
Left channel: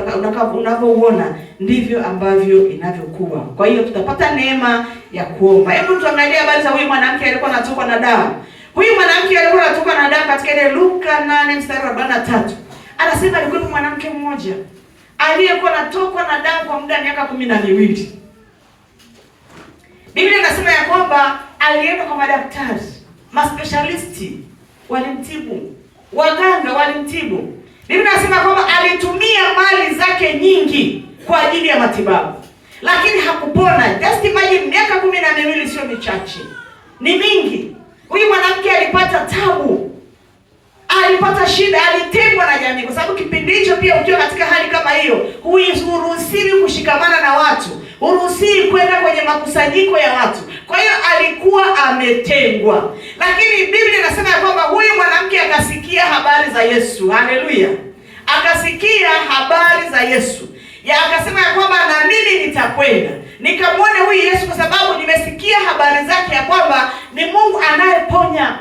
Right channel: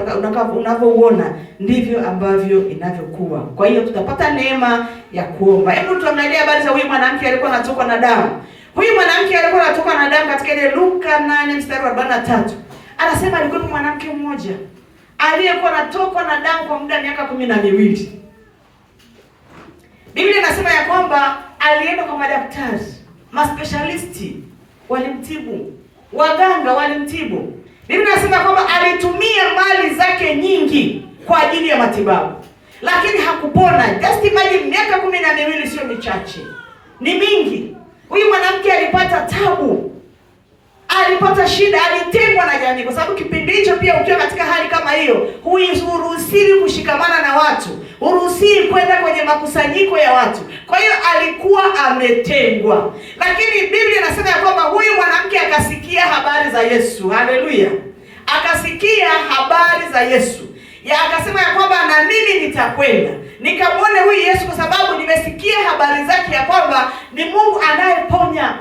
unavyouona ndivyo ambavyo inavyokuwa. Kwa hiyo tutapata neema ya kuomba. Hebu tuangalie habari za huyu mwanamke alikuwa anatokwa na damu. Huyu mwanamke alikuwa anatokwa na damu katika ile Luka 8:43. Anasema alikuwa mwanamke mmoja aliyekuwa anatokwa na damu kwa muda wa miaka 12. Biblia inasema ya kwamba alienda kwa madaktari, maspecialisti walimtibu, waganga walimtibu. Biblia inasema kwamba alitumia mali zake nyingi kwa ajili ya matibabu, lakini hakupona. Just imagine, miaka 12 sio michache, ni mingi. Huyu mwanamke alipata tabu, alipata shida, alitengwa na jamii, kwa sababu kipindi hicho pia ukiwa katika hali kama hiyo, huruhusiwi kushikamana na watu, huruhusiwi kwenda kwenye makusanyiko ya watu. Kwa hiyo alikuwa ametengwa. Lakini Biblia inasema kwamba huyu mwanamke akasikia habari za Yesu. Haleluya. Akasikia habari za Yesu. Akasema ya kwamba na mimi nitakwenda nikamwone huyu Yesu, kwa sababu nimesikia habari zake ya kwamba ni Mungu anayeponya.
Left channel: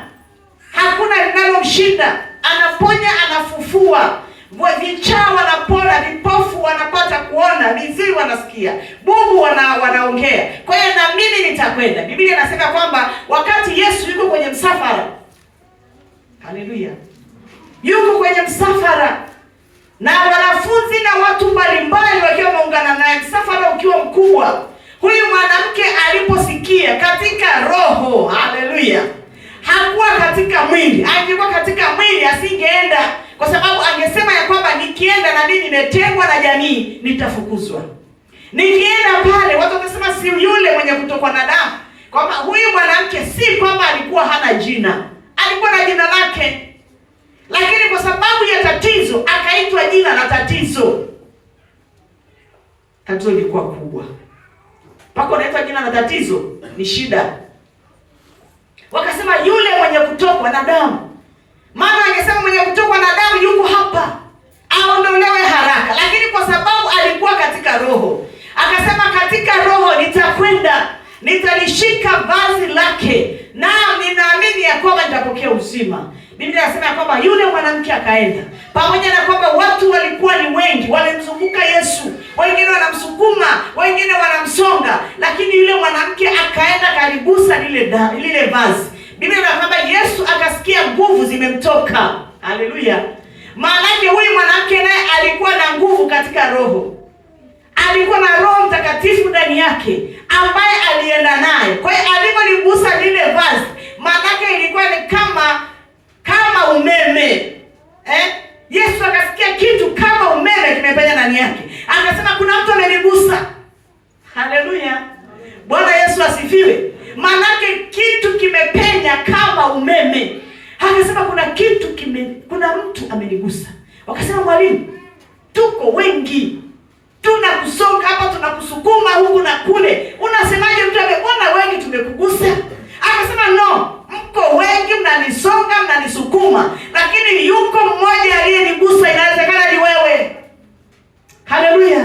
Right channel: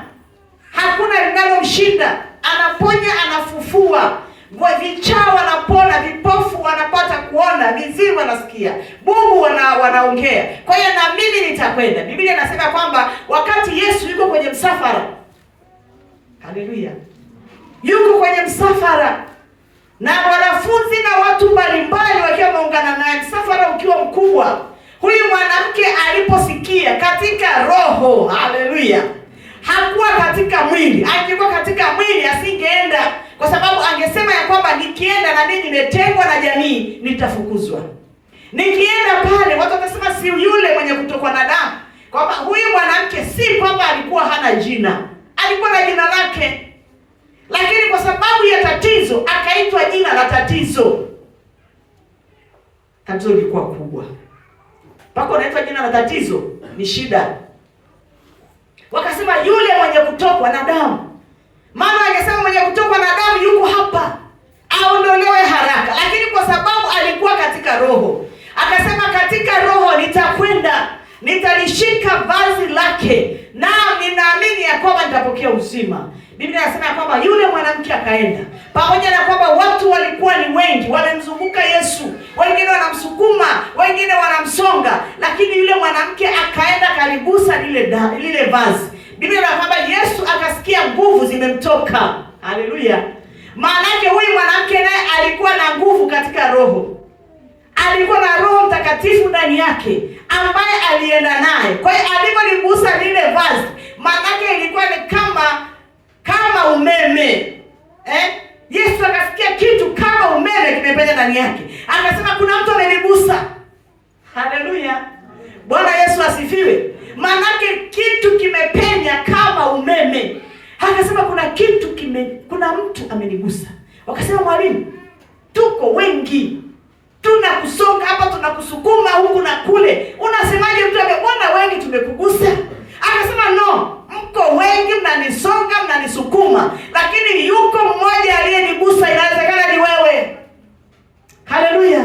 Hakuna linalomshinda. Anaponya, anafufua. Vichaa wanapona, vipofu wanapata kuona, mizimu wanasikia, bubu wanaongea. Kwa hiyo na mimi nitakwenda. Biblia inasema kwamba wakati Yesu yuko kwenye msafara, haleluya, yuko kwenye msafara na wanafunzi na watu mbalimbali wakiwa wameungana naye, msafara ukiwa mkubwa, huyu mwanamke aliposikia katika roho, haleluya, hakuwa katika mwili. Angekuwa katika mwili asingeenda, kwa sababu angesema ya kwamba nikienda na mimi nimetengwa na jamii, nitafukuzwa. Nikienda pale watu watasema si yule mwenye kutokwa na damu. Kwamba huyu mwanamke si kwamba alikuwa hana jina, alikuwa na jina lake, lakini kwa sababu ya tatizo akaitwa jina la tatizo. Tatizo lilikuwa kubwa, mpaka unaitwa jina la tatizo, ni shida. Wakasema yule mwenye kutokwa na damu. Mama angesema mwenye kutokwa na damu yuko hapa, aondolewe haraka. Lakini kwa sababu alikuwa katika roho, akasema katika roho nitakwenda, nitalishika vazi lake, na ninaamini ya kwamba nitapokea uzima. Biblia inasema kwamba yule mwanamke akaenda, pamoja na kwamba watu walikuwa ni wengi, walimzunguka Yesu, wengine wanamsukuma, wengine wanamsonga, lakini yule mwanamke akaenda kaligusa lile vazi. Biblia inasema kwamba Yesu akasikia nguvu zimemtoka. Haleluya. Maana yake huyu mwanamke naye alikuwa na nguvu katika roho. Alikuwa na Roho Mtakatifu ndani yake ambaye alienda naye. Kwa hiyo alipoligusa lile vazi, maana yake ilikuwa ni kama umeme. Yesu akasikia kitu kama umeme kimepenya ndani yake. Akasema kuna mtu amenigusa. Haleluya. Bwana Yesu asifiwe. Maana yake kitu kimepenya kama umeme. Akasema kuna mtu amenigusa. Wakasema mwalimu, tuko wengi, tunakusonga hapa, tunakusukuma huku na kule, unasemaje mtu amebona wengi tumekugusa? Akasema no, mko wengi mnanisonga, mnanisukuma, lakini yuko mmoja aliyenigusa. Inawezekana ni wewe. Haleluya.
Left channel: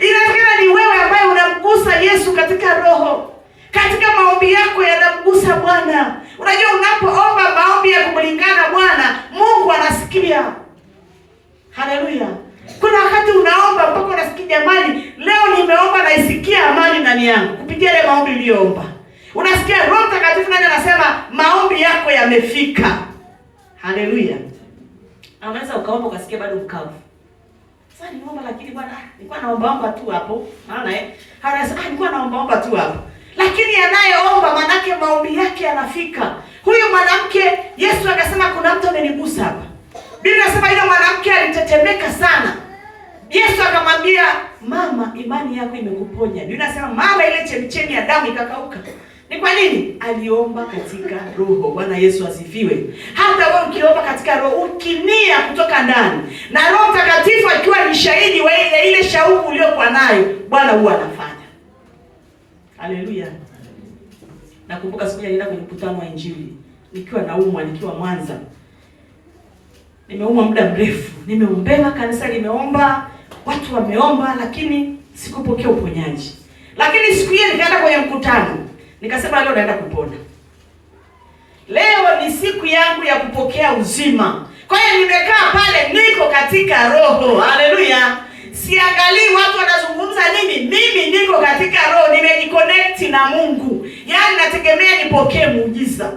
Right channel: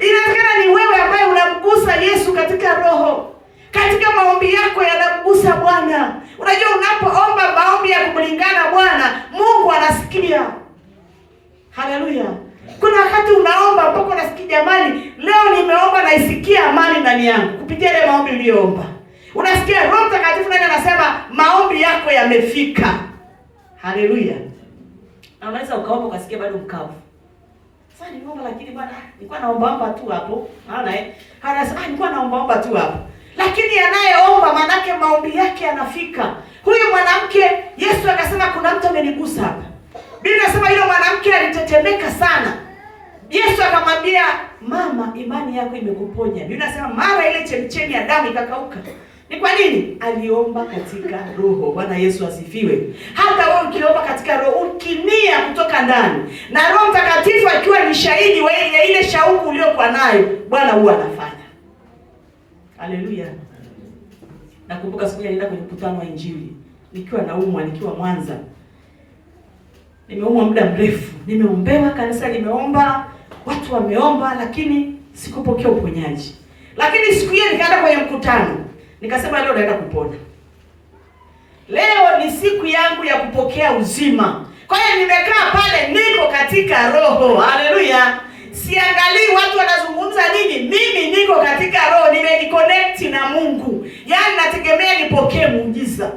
Inawezekana ni wewe ambaye unamgusa Yesu katika roho. Katika maombi yako yanamgusa Bwana. Unajua unapoomba maombi ya kumlingana Bwana, Mungu anasikia. Haleluya. Kuna wakati unaomba mpaka unasikia jamani, leo nimeomba na isikia amani ndani yangu kupitia ile maombi uliyoomba. Unasikia Roho Mtakatifu naye anasema maombi yako yamefika. Haleluya. Unaweza ukaomba ukasikia bado mkavu. Sasa niomba lakini bwana nilikuwa naomba tu hapo. Maana anasema nilikuwa naomba tu hapo. Lakini anayeomba manake maombi yake yanafika. Huyu mwanamke Yesu akasema kuna mtu amenigusa hapa. Biblia inasema yule mwanamke alitetemeka sana. Yesu akamwambia, mama, imani yako imekuponya. Biblia inasema mara ile chemchemi ya damu ikakauka. Ni kwa nini? Aliomba katika roho. Bwana Yesu asifiwe. Hata wewe ukiomba katika roho, ukinia kutoka ndani, na Roho Mtakatifu akiwa ni shahidi wa ile shauku uliyokuwa nayo, Bwana huwa anafanya. Haleluya. Nakumbuka siku nilienda kwenye mkutano wa Injili. Nikiwa nikiwa Mwanza. Nimeumwa muda mrefu. Nimeombewa, kanisa limeomba, watu wameomba, lakini sikupokea uponyaji. Lakini siku hiyo nikaenda kwenye mkutano. Nikasema leo naenda kupona. Leo ni siku yangu ya kupokea uzima. Kwa hiyo nimekaa pale, niko katika roho. Haleluya. Siangalii watu wanazungumza nini. Mimi niko katika roho, nimejiconnect na Mungu. Yaani nategemea nipokee muujiza.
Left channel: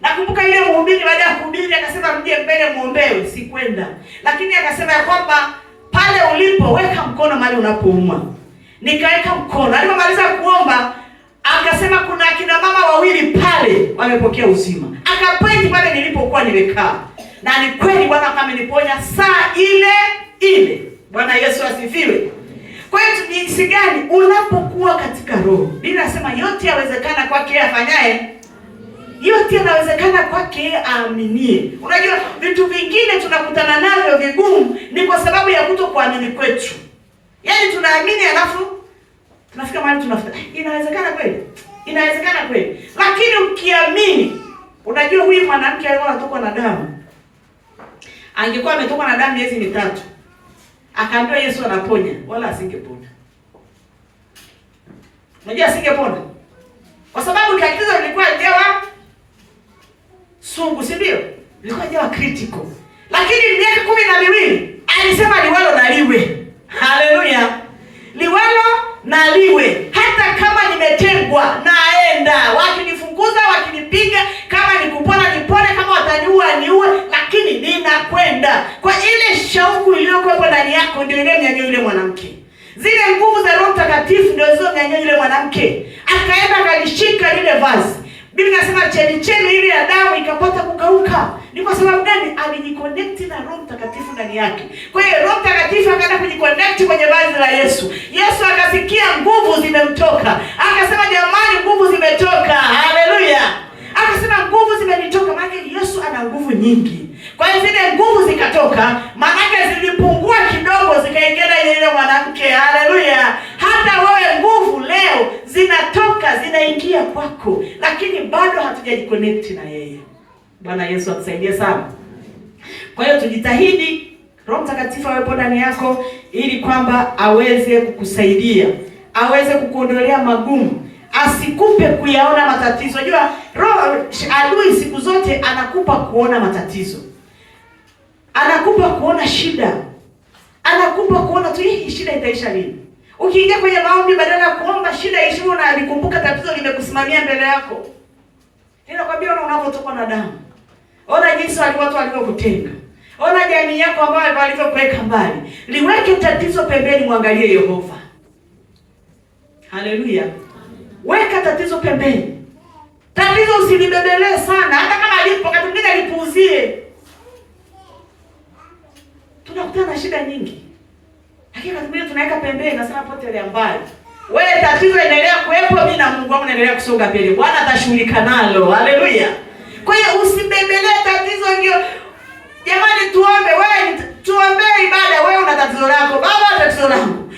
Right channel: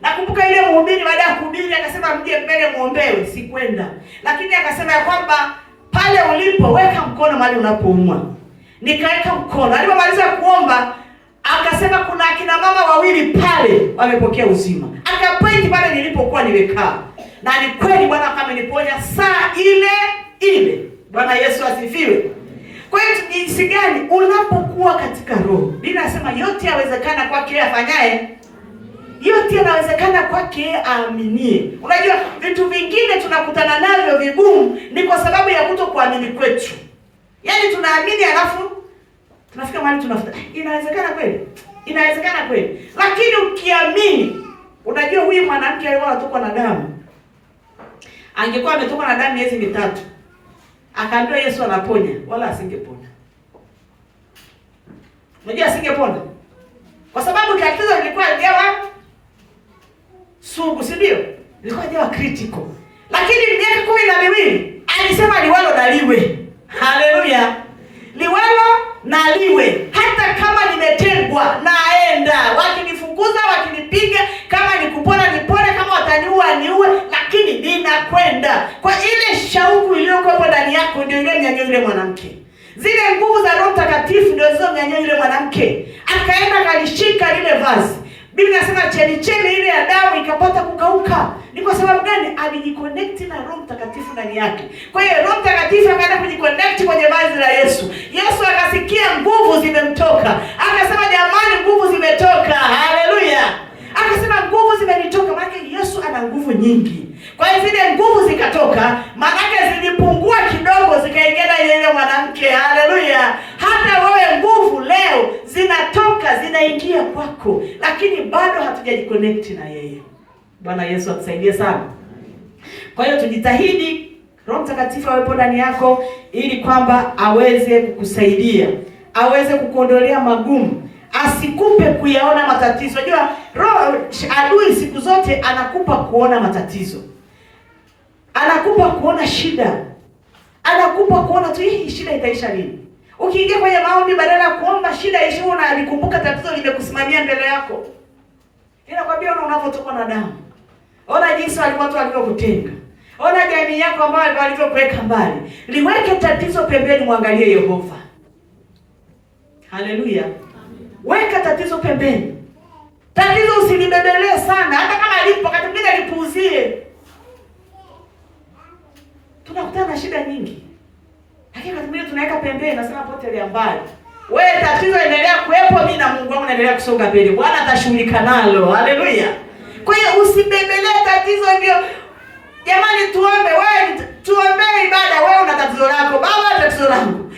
Nakumbuka ile mhubiri baada ya kuhubiri akasema mje mbele muombewe, sikwenda. Lakini akasema kwamba pale ulipo weka mkono mahali unapoumwa. Nikaweka mkono. Alipomaliza kuomba akasema kuna akina mama wawili pale wamepokea uzima. Akapointi pale nilipokuwa nimekaa. Na ni kweli Bwana ameniponya saa ile. Bwana Yesu asifiwe. Kwa hiyo jinsi gani unapokuwa katika roho? Biblia inasema yote yawezekana kwake afanyaye. Yote yanawezekana kwake aaminie. Unajua vitu vingine tunakutana navyo vigumu ni kwa sababu ya kutokuamini kwetu. Yaani tunaamini alafu tunafika mahali tunafuta. Inawezekana kweli? Inawezekana kweli. Lakini ukiamini, unajua huyu mwanamke alikuwa anatokwa na damu. Angekuwa ametokwa na damu miezi 3. Akaambiwa Yesu anaponya, wala asingepona. Unajua asingepona. Kwa sababu tatizo lilikuwa jawa sugu, si ndio? Lilikuwa jawa critical. Lakini miaka 12 alisema liwalo na liwe. Haleluya. Liwalo na liwe. Hata kama nimetengwa naenda. Wakinifukuza, wakinipiga, kama nikupona nipone, kama wataniua niue, lakini ninakwenda. Kwa ile shauku iliyokuwa ndani yako ndio ile mnyanyua yule mwanamke. Zile nguvu za Roho Mtakatifu ndio hizo mnyanyua yule mwanamke. Akaenda akalishika lile vazi. Biblia inasema chemichemi ile ya damu ikapata kukauka. Ni kwa sababu gani? Alijiconnect na Roho Mtakatifu ndani yake. Kwa hiyo Roho Mtakatifu akaenda kujiconnect kwenye vazi la Yesu. Yesu akasikia nguvu zimemtoka. Akasema jamani, nguvu zimetoka. Haleluya. Akasema nguvu zimenitoka. Maana Yesu ana nguvu nyingi. Kwa hiyo zile nguvu zikatoka, maana zilipungua kidogo zikaingia ile mwanamke. Haleluya. Hata wewe nguvu leo zinatoka, zinaingia kwako, lakini bado hatujajiconnect na yeye. Bwana Yesu atusaidie sana. Kwa hiyo tujitahidi Roho Mtakatifu awepo ndani yako ili kwamba aweze kukusaidia, aweze kukuondolea magumu, asikupe kuyaona matatizo. Unajua roho adui siku zote anakupa kuona matatizo. Anakupa kuona shida. Anakupa kuona tu hii shida itaisha lini. Ukiingia kwenye maombi badala ya kuomba shida ishi, unalikumbuka tatizo limekusimamia mbele yako. Ninakwambia unapotoka na damu. Ona jinsi watu walivyokutenga. Ona jamii yako ambayo walivyokuweka mbali. Liweke tatizo pembeni, muangalie Yehova. Haleluya. Weka tatizo pembeni. Tatizo usilibebelee sana, hata kama lipo wakati mwingine lipuuzie. Tunakutana na shida nyingi. Lakini wakati mwingine tunaweka pembeni na sana potelea mbali. Wewe tatizo endelea kuwepo, mimi na Mungu wangu naendelea kusonga mbele. Bwana atashughulika nalo. Haleluya. Kwa hiyo usibebelee tatizo ndio. Jamani tuombe, wewe tuombee ibada, wewe una tatizo lako, baba tatizo langu.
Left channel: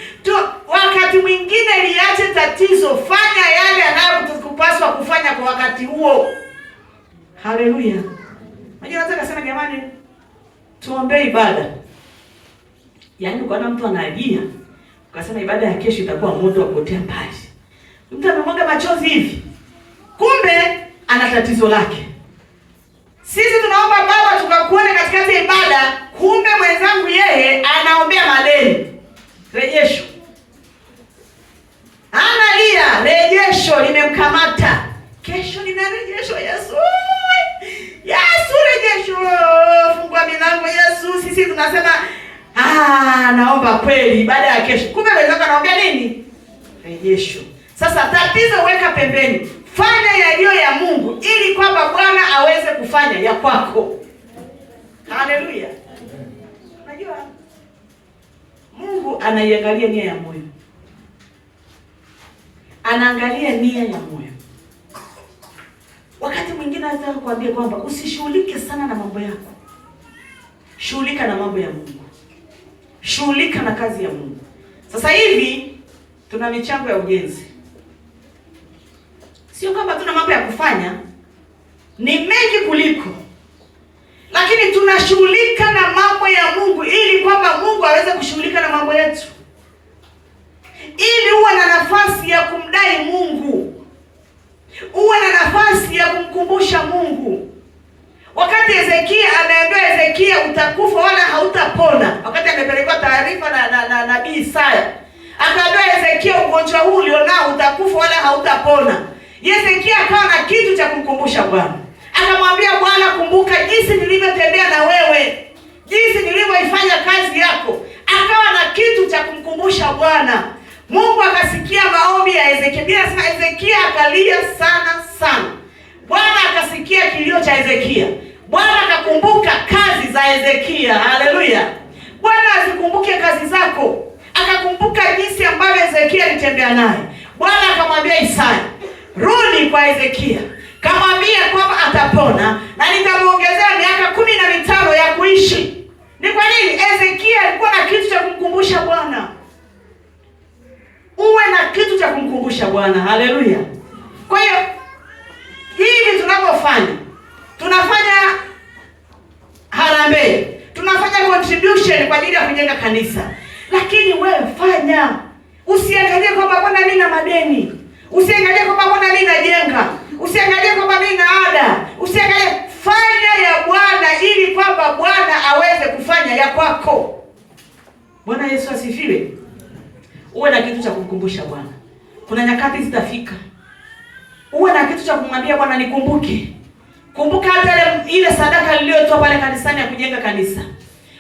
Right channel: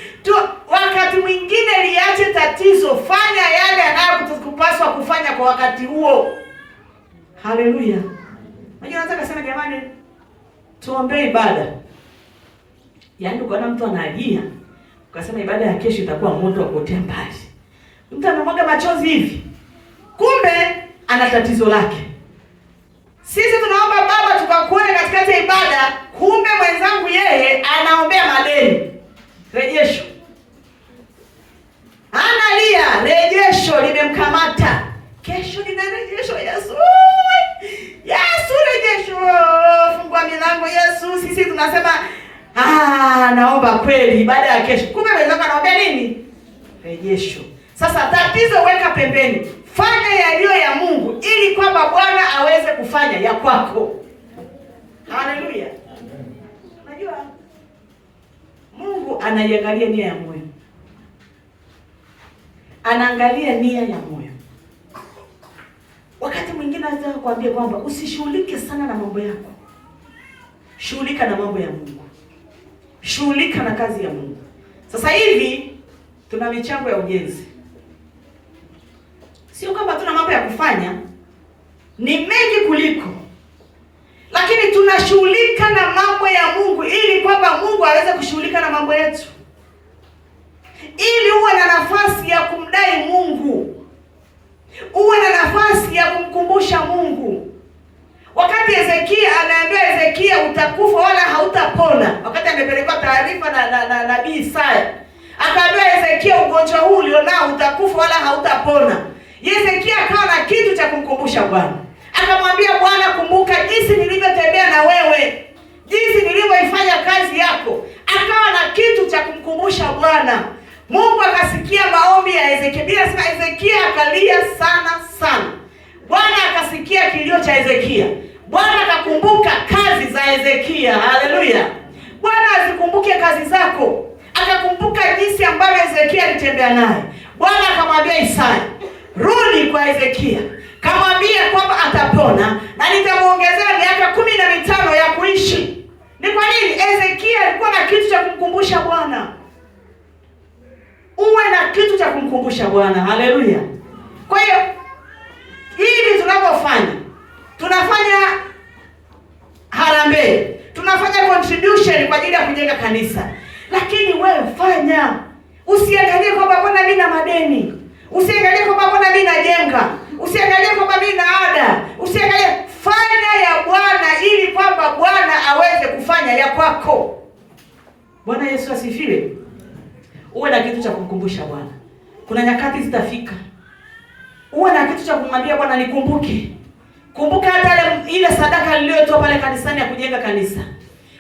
Wakati mwingine liache tatizo, fanya yale yanayokupaswa kufanya kwa wakati huo. Haleluya. Unajua nataka kusema jamani tuombee ibada. Yaani ukaona mtu analia, ukasema ibada ya kesho itakuwa moto wa kuotea mbali. Mtu anamwaga machozi hivi. Kumbe ana tatizo lake. Sisi tunaomba baba tukakuone katikati ya ibada, kumbe mwenzangu yeye anaombea madeni. Rejesho. Analia, rejesho limemkamata. Kesho nina rejesho Yesu. Yesu rejesho. Fungua milango Yesu. Sisi tunasema naomba kweli baada ya kesho. Kumbe wenzako anaomba nini? Rejesho. Sasa tatizo weka pembeni. Fanya yaliyo ya Mungu ili kwamba Bwana aweze kufanya ya kwako. Haleluya. Unajua Mungu anaiangalia nia ya moyo. Anaangalia nia ya moyo. Wakati mwingine nataka kuambia kwamba usishughulike sana na mambo yako. Shughulika na mambo ya Mungu. Shughulika na kazi ya Mungu. Sasa hivi tuna michango ya ujenzi. Sio kwamba tuna mambo ya kufanya, ni mengi kuliko. Lakini tunashughulika na mambo ya Mungu ili kwamba Mungu aweze kushughulika na mambo yetu. Ili uwe na nafasi ya kumdai Mungu. Uwe na nafasi ya kumkumbusha Mungu. Wakati Hezekia anaambiwa Hezekia utakufa wala hautapona. Wakati amepelekwa taarifa na nabii Isaya. Akaambiwa Hezekia ugonjwa huu ulionao utakufa wala hautapona. Hezekia akawa na kitu cha kumkumbusha Bwana. Akamwambia Bwana, kumbuka jinsi nilivyotembea na wewe. Jinsi nilivyoifanya kazi yako. Akawa na kitu cha kumkumbusha Bwana. Mungu akasikia maombi ya Hezekia. Bila sema Hezekia akalia sana. Bwana akasikia kilio cha Hezekia. Bwana akakumbuka kazi za Hezekia. Haleluya. Bwana azikumbuke kazi zako. Akakumbuka jinsi ambavyo Hezekia alitembea naye. Bwana akamwambia Isaya, rudi kwa Hezekia. Kamwambia kwamba atapona na nitamuongezea miaka 15 ya kuishi. Ni kwa nini? Hezekia alikuwa na kitu cha kumkumbusha Bwana. Uwe na kitu cha kumkumbusha Bwana. Haleluya. Kwa hiyo hivi tunavyofanya, tunafanya harambee, tunafanya contribution kwa ajili ya kujenga kanisa. Lakini wewe fanya. Usiangalie kwamba Bwana mimi na madeni. Usiangalie kwamba Bwana mimi najenga. Usiangalie kwamba mimi na ada. Usiangalie, fanya ya Bwana ili kwamba Bwana aweze kufanya ya kwako. Bwana Yesu asifiwe. Uwe na kitu cha kumkumbusha Bwana. Kuna nyakati zitafika. Uwe na kitu cha kumwambia Bwana, nikumbuke. Kumbuka hata ile sadaka niliyotoa pale kanisani ya kujenga kanisa.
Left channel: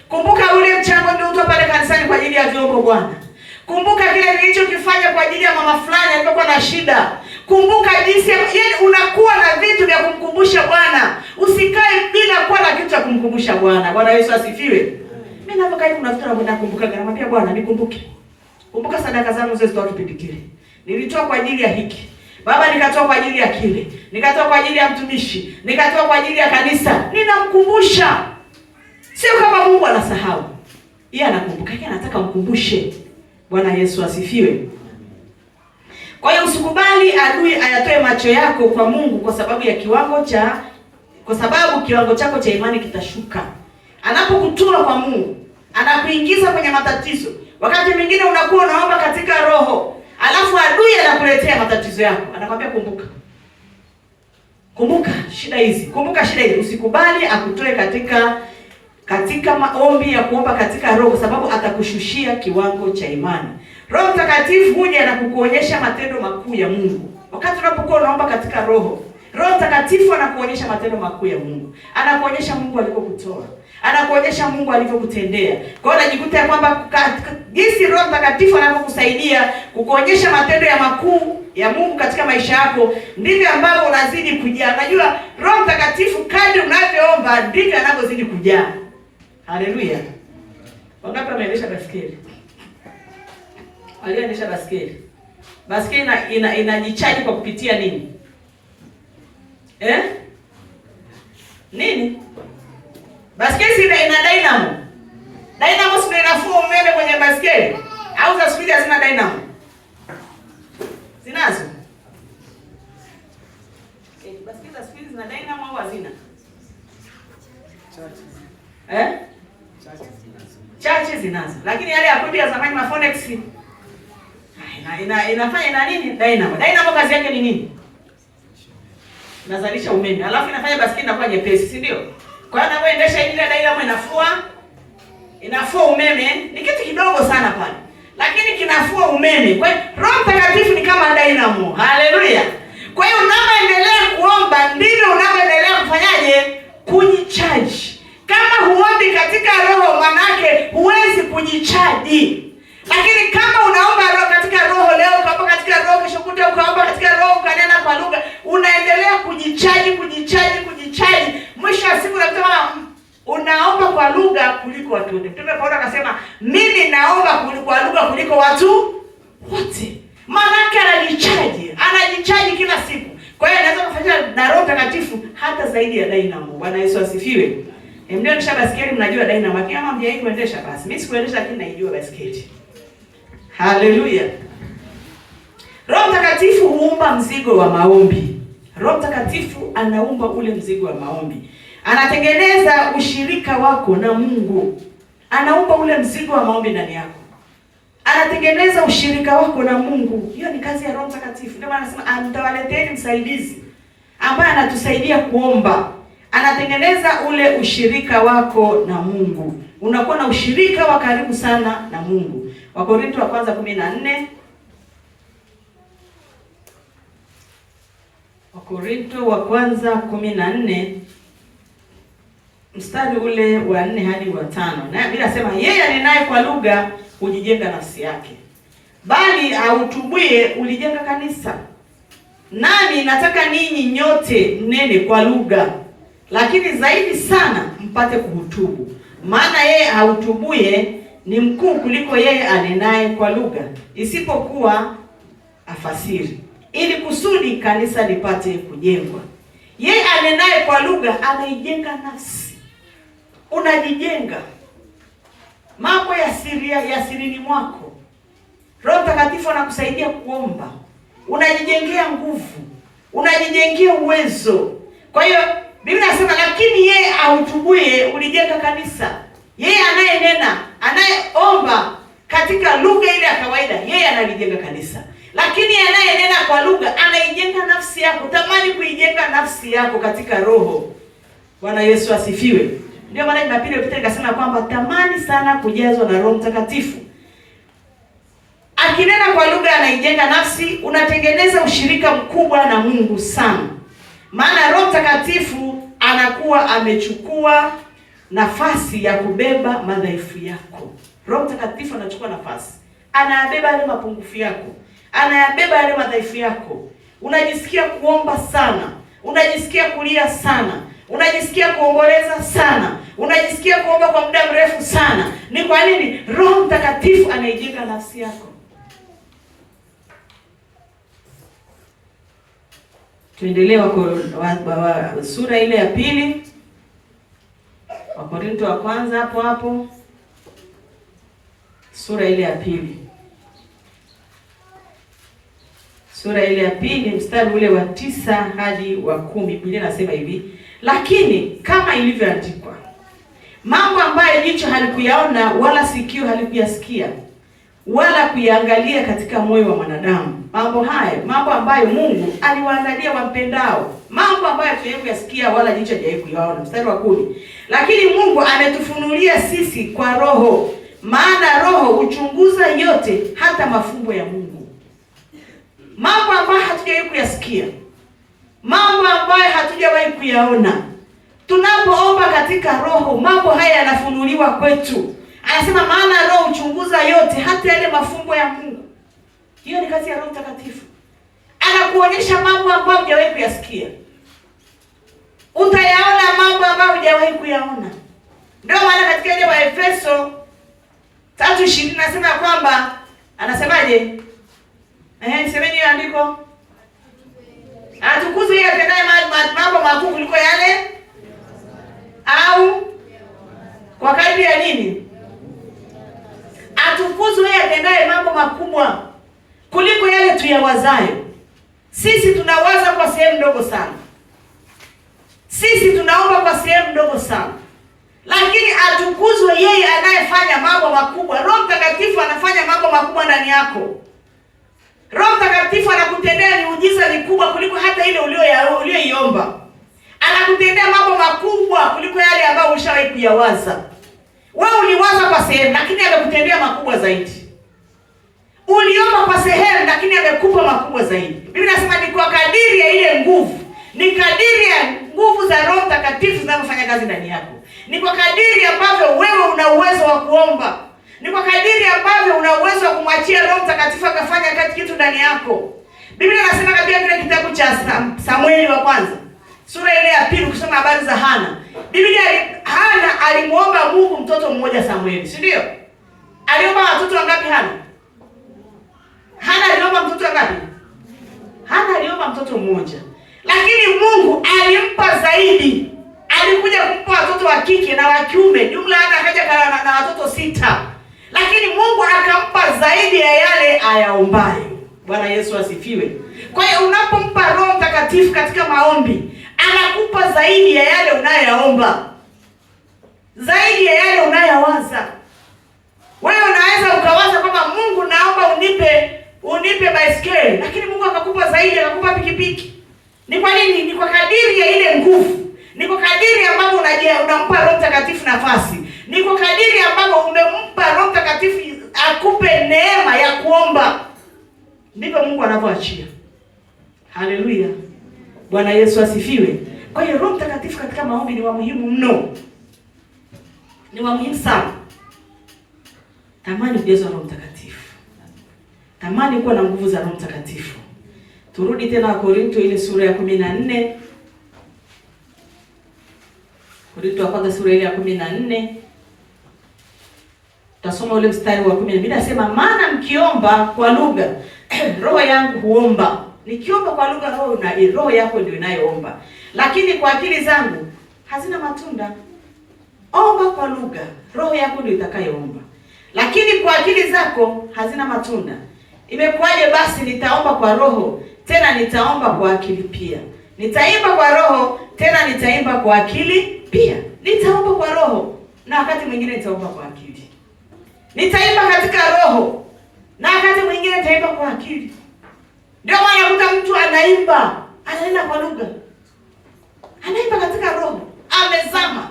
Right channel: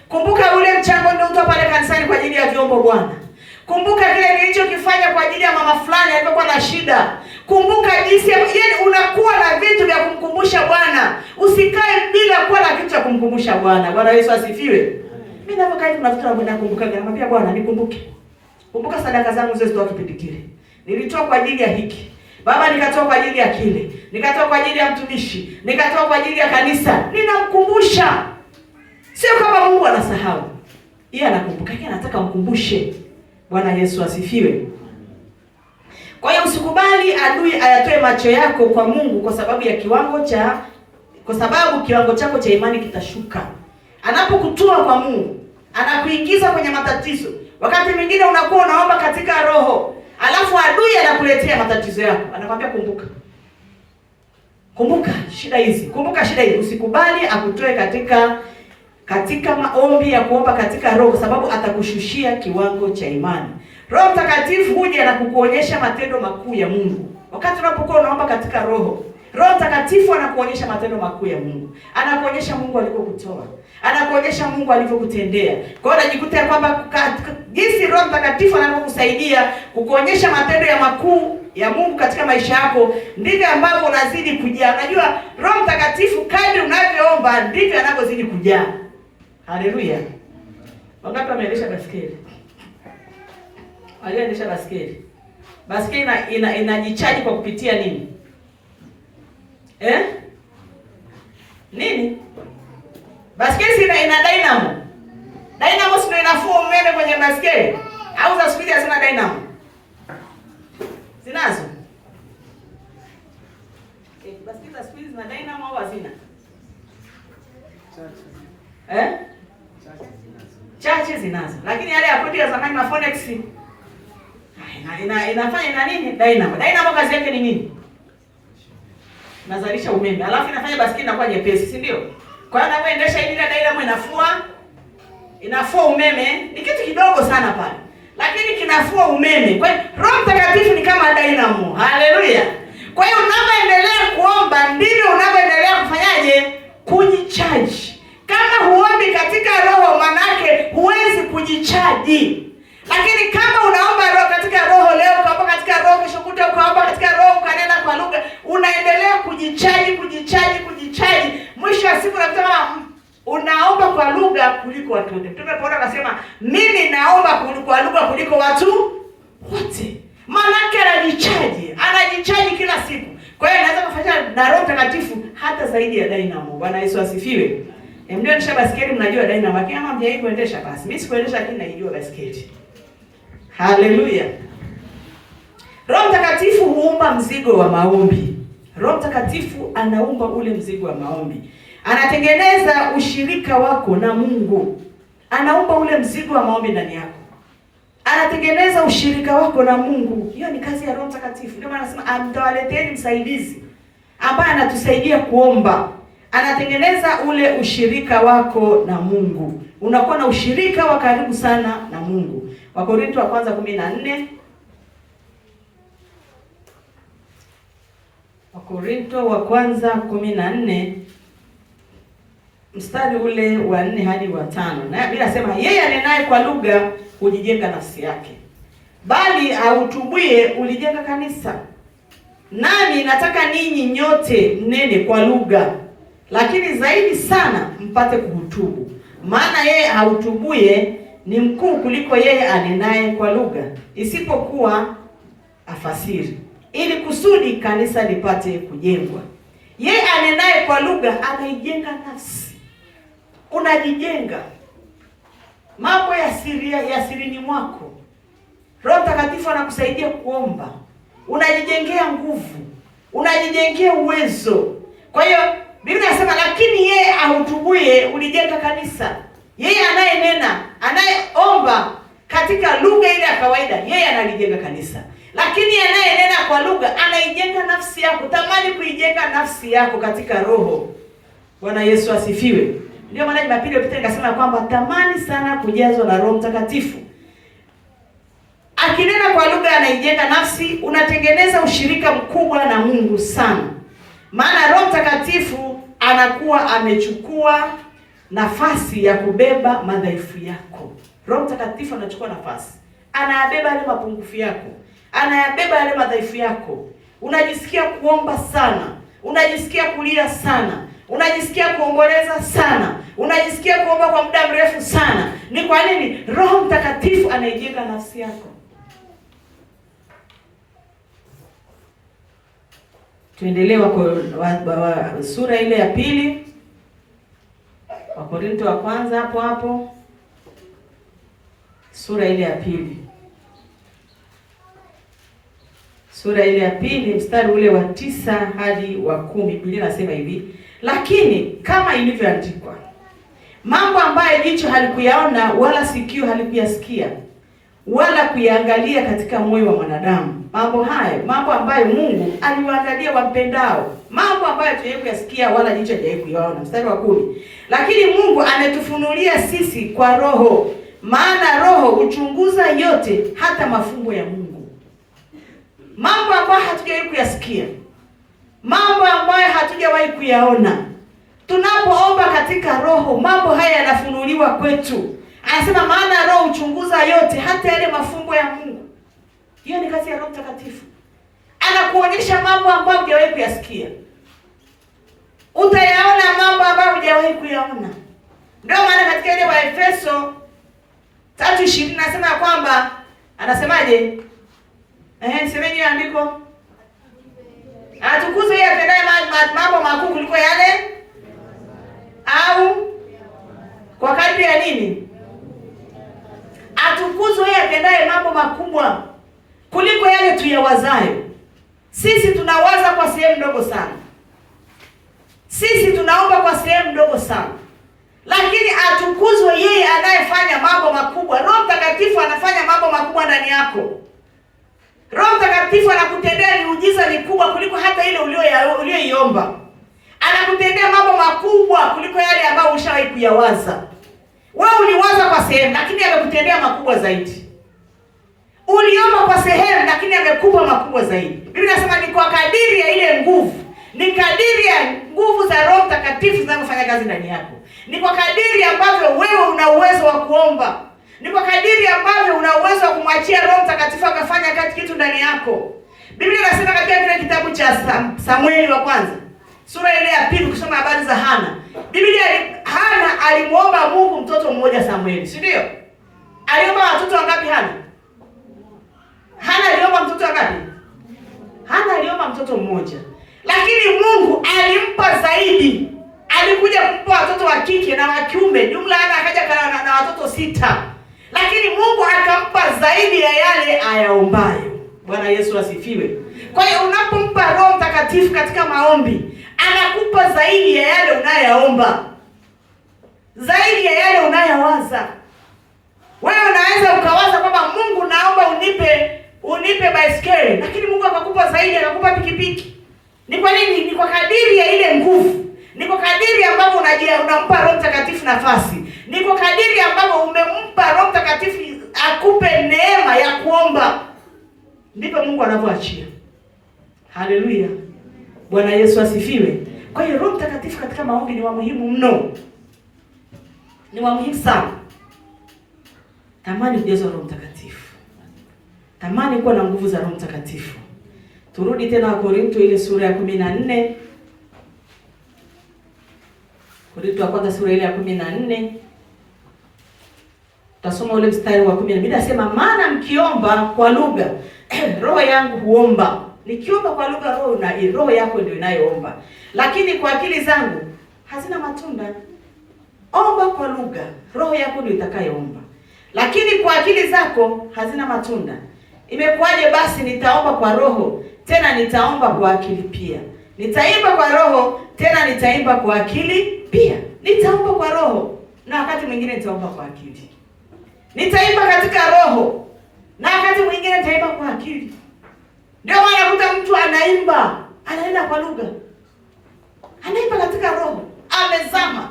Kumbuka ule mchango niliotoa pale kanisani kwa ajili ya vyombo Bwana. Kumbuka kile nilichokifanya kwa ajili ya mama fulani alipokuwa na shida. Kumbuka jinsi unakuwa na vitu vya kumkumbusha Bwana. Usikae bila kuwa na kitu cha kumkumbusha Bwana. Bwana Yesu asifiwe. Mimi napokaa kuna vitu nakumbuka, namwambia Bwana, nikumbuke. Kumbuka sadaka zangu zile zitoa kipindi kile. Nilitoa kwa ajili ya hiki. Baba, nikatoa kwa ajili ya kile. Nikatoa kwa ajili ya mtumishi. Nikatoa kwa ajili ya kanisa. Ninamkumbusha. Sio kama Mungu anasahau. Yeye anakumbuka, yeye anataka mkumbushe. Bwana Yesu asifiwe. Kwa hiyo usikubali adui ayatoe macho yako kwa Mungu kwa sababu kiwango chako cha imani kitashuka. Anapokutua kwa Mungu, anakuingiza kwenye matatizo. Wakati mwingine unakuwa unaomba katika roho, alafu adui anakuletea matatizo yako. Anakwambia kumbuka. Kumbuka shida hizi. Kumbuka shida hizi. Usikubali akutoe katika maombi ya kuomba katika roho, sababu atakushushia kiwango cha imani. Roho Mtakatifu huja na kukuonyesha matendo makuu ya Mungu. Wakati unapokuwa unaomba katika roho, Roho Mtakatifu anakuonyesha matendo makuu ya Mungu. Anakuonyesha Mungu alivyokutoa. Anakuonyesha Mungu alivyokutendea. Kwa hiyo unajikuta kwamba jinsi Roho Mtakatifu anavyokusaidia kukuonyesha matendo ya makuu ya Mungu katika maisha yako, ndivyo ambavyo unazidi kujaa. Unajua Roho Mtakatifu kadri unavyoomba ndivyo anavyozidi kujaa. Haleluya. Wangapi wameendesha baskeli? Aliendesha baskeli. Baskeli inajichaji kwa kupitia nini? Nini? Baskeli ina dynamo. Dynamo sio inafua umeme kwenye baskeli. Au za speed hazina dynamo? Zinazo. Baskeli za speed zina dynamo au hazina? Chache zinazo. Lakini yale ya kodi ya zamani na Phonex inafanya nini? Dynamo. Dynamo kazi yake ni nini? Nazalisha umeme. Alafu inafanya baskeli inakuwa nyepesi, si ndio? Kwa hiyo unapoendesha ile dynamo inafua umeme, ni kitu kidogo sana pale. Lakini kinafua umeme. Kwa hiyo Roho Mtakatifu ni kama dynamo. Haleluya. Kwa hiyo unapoendelea kuliko watu wote. Mtume Paulo akasema mimi naomba kwa lugha kuliko watu wote. Maana anajichaji kila siku. Kwa hiyo anaweza kufanya na Roho Mtakatifu hata zaidi ya dynamo. Bwana Yesu asifiwe. Ndio nisha basikeli, mnajua dynamo. Lakini kama mjai kuendesha basi. Mimi sikuendesha lakini naijua basikeli. Haleluya. Roho Mtakatifu huumba mzigo wa maombi. Roho Mtakatifu anaumba ule mzigo wa maombi. Anatengeneza ushirika wako na Mungu. Anaumba ule mzigo wa maombi ndani yako. Anatengeneza ushirika wako na Mungu. Hiyo ni kazi ya Roho Mtakatifu. Ndio maana anasema nitawaleteeni msaidizi ambaye anatusaidia kuomba. Anatengeneza ule ushirika wako na Mungu. Unakuwa na ushirika wa karibu sana na Mungu. Wakorintho wa kwanza 14. Wakorintho wa kwanza 14 mstari ule wa 4 hadi wa 5. Na Biblia inasema yeye anenaye kwa lugha hujijenga nafsi yake, bali autubuye ulijenga kanisa. Nami nataka ninyi nyote mnene kwa lugha, lakini zaidi sana mpate kuhutubu. Maana yeye autubuye ni mkuu kuliko yeye anenaye kwa lugha, isipokuwa afasiri, ili kusudi kanisa lipate kujengwa. Yeye anenaye kwa lugha anaijenga nafsi. Unajijenga mambo ya sirini mwako. Roho Mtakatifu anakusaidia kuomba. Unajijengea nguvu, unajijengea uwezo. Kwa hiyo Biblia inasema lakini yeye ahutubuye ulijenga kanisa. Yeye anayenena, anayeomba katika lugha ile ya kawaida, yeye analijenga kanisa. Lakini anayenena kwa lugha anaijenga nafsi yako. Tamani kuijenga nafsi yako katika roho. Bwana Yesu asifiwe. Ndio maana Jumapili iliyopita nikasema kwamba tamani sana kujazwa na Roho Mtakatifu. Akinena kwa lugha anaijenga nafsi, unatengeneza ushirika mkubwa na Mungu sana. Maana Roho Mtakatifu anakuwa amechukua nafasi ya kubeba madhaifu yako. Roho Mtakatifu anachukua nafasi. Anayabeba yale mapungufu yako. Anayabeba yale madhaifu yako. Unajisikia kuomba sana. Unajisikia kulia sana. Unajisikia kuomboleza sana. Unajisikia kuomba kwa muda mrefu sana. Ni kwa nini? Roho Mtakatifu anaijenga nafsi yako. Tuendelee kwa sura ile ya pili. Wakorintho wa kwanza hapo. Sura ile ya pili. Sura ile ya pili mstari ule wa 9 hadi wa 10. Biblia inasema hivi: lakini kama ilivyoandikwa, mambo ambayo jicho halikuyaona wala sikio halikuyasikia wala kuyaangalia katika moyo wa mwanadamu, mambo ambayo Mungu aliwaandalia wampendao, mambo ambayo hatujawahi kuyasikia wala jicho hajawahi kuyaona. Mstari wa 10, lakini Mungu ametufunulia sisi kwa Roho, maana Roho huchunguza yote, hata mafumbo ya Mungu. Mambo ambayo hatujawahi kuyasikia, mambo ambayo hatujawahi kuyaona, tunapoomba katika Roho, mambo haya yanafunuliwa kwetu. Anasema maana Roho huchunguza yote, hata yale mafumbo ya Mungu. Hiyo ni kazi ya Roho Mtakatifu. Anakuonyesha mambo ambayo hujawahi kuyasikia. Utayaona mambo ambayo hujawahi kuyaona. Ndio maana katika ile wa Efeso 3:20 nasema kwamba anasemaje? Semeni hiyo andiko. Atukuze yeye atendaye mambo makuu kuliko yale, au kwa kadri ya nini? Atukuzwe yeye atendaye mambo makubwa kuliko yale tuyawazayo. Sisi tunawaza kwa sehemu ndogo sana. Sisi tunaomba kwa sehemu ndogo sana. Lakini atukuzwe yeye anayefanya mambo makubwa. Roho Mtakatifu anafanya mambo makubwa ndani yako. Roho Mtakatifu anakutendea miujiza mikubwa kuliko hata ile uliyoiomba. Anakutendea mambo makubwa kuliko yale ambayo ushawahi kuyawaza. Wewe uliwaza kwa sehemu, lakini amekutendea makubwa zaidi. Uliomba kwa sehemu, lakini amekupa makubwa zaidi. Biblia inasema ni kwa kadiri ya ile nguvu. Ni kadiri ya nguvu za Roho Mtakatifu zinazofanya kazi ndani yako. Ni kwa kadiri ambavyo wewe una uwezo wa kuomba. Ni kwa kadiri ambavyo una uwezo wa kumwachia Roho Mtakatifu akafanya kazi kitu ndani yako. Biblia inasema katika kile kitabu cha Samueli wa kwanza, sura ile ya 2, kusoma habari za Hana. Biblia Hana alimuomba Mungu mtoto mmoja Samueli, si ndio? Aliomba watoto wangapi Hana? Hana aliomba mtoto wangapi? Hana aliomba mtoto mmoja. Lakini Mungu alimpa zaidi. Alikuja kumpa watoto wa kike na wa kiume. Jumla Hana akaja na watoto 6. Lakini Mungu akampa zaidi ya yale ayaombayo. Bwana Yesu asifiwe. Kwa hiyo unapompa Roho Mtakatifu katika maombi, anakupa zaidi ya yale unayoomba. Zaidi ya yale unayowaza. Wewe unaweza ukawaza kwamba Mungu, naomba unipe baiskeli, lakini Mungu akakupa zaidi, akakupa pikipiki. Ni kwa nini? Ni kwa kadiri ya ile nguvu. Ni kwa kadiri ambapo unampa Roho Mtakatifu nafasi. Ni kwa kadiri ambapo umempa Roho Mtakatifu akupe neema ya kuomba. Ndipo Mungu anavyoachia. Haleluya. Bwana Yesu asifiwe. Kwa hiyo Roho Mtakatifu katika maombi ni wa muhimu mno. Ni wa muhimu sana. Tamani kujazwa Roho Mtakatifu. Tamani kuwa na nguvu za Roho Mtakatifu. Turudi tena Wakorintho ile sura ya 14. Korintho wa kwanza sura ile ya 14. Tasoma ule mstari wa 10. Biblia inasema, maana mkiomba kwa lugha, roho yangu huomba. Nikiomba kwa lugha, roho yako ndio inayoomba. Lakini kwa akili zangu hazina matunda. Omba kwa lugha, roho yako ndio itakayoomba. Lakini kwa akili zako hazina matunda. Imekuwaje basi nitaomba kwa roho, tena nitaomba kwa akili pia? Nitaimba kwa roho, tena nitaimba kwa akili pia. Nitaomba kwa roho, na wakati mwingine nitaomba kwa akili. Nitaimba katika roho, na wakati mwingine nitaimba kwa akili. Ndio maana kuta mtu anaimba kwa lugha. Anaimba katika roho, amezama.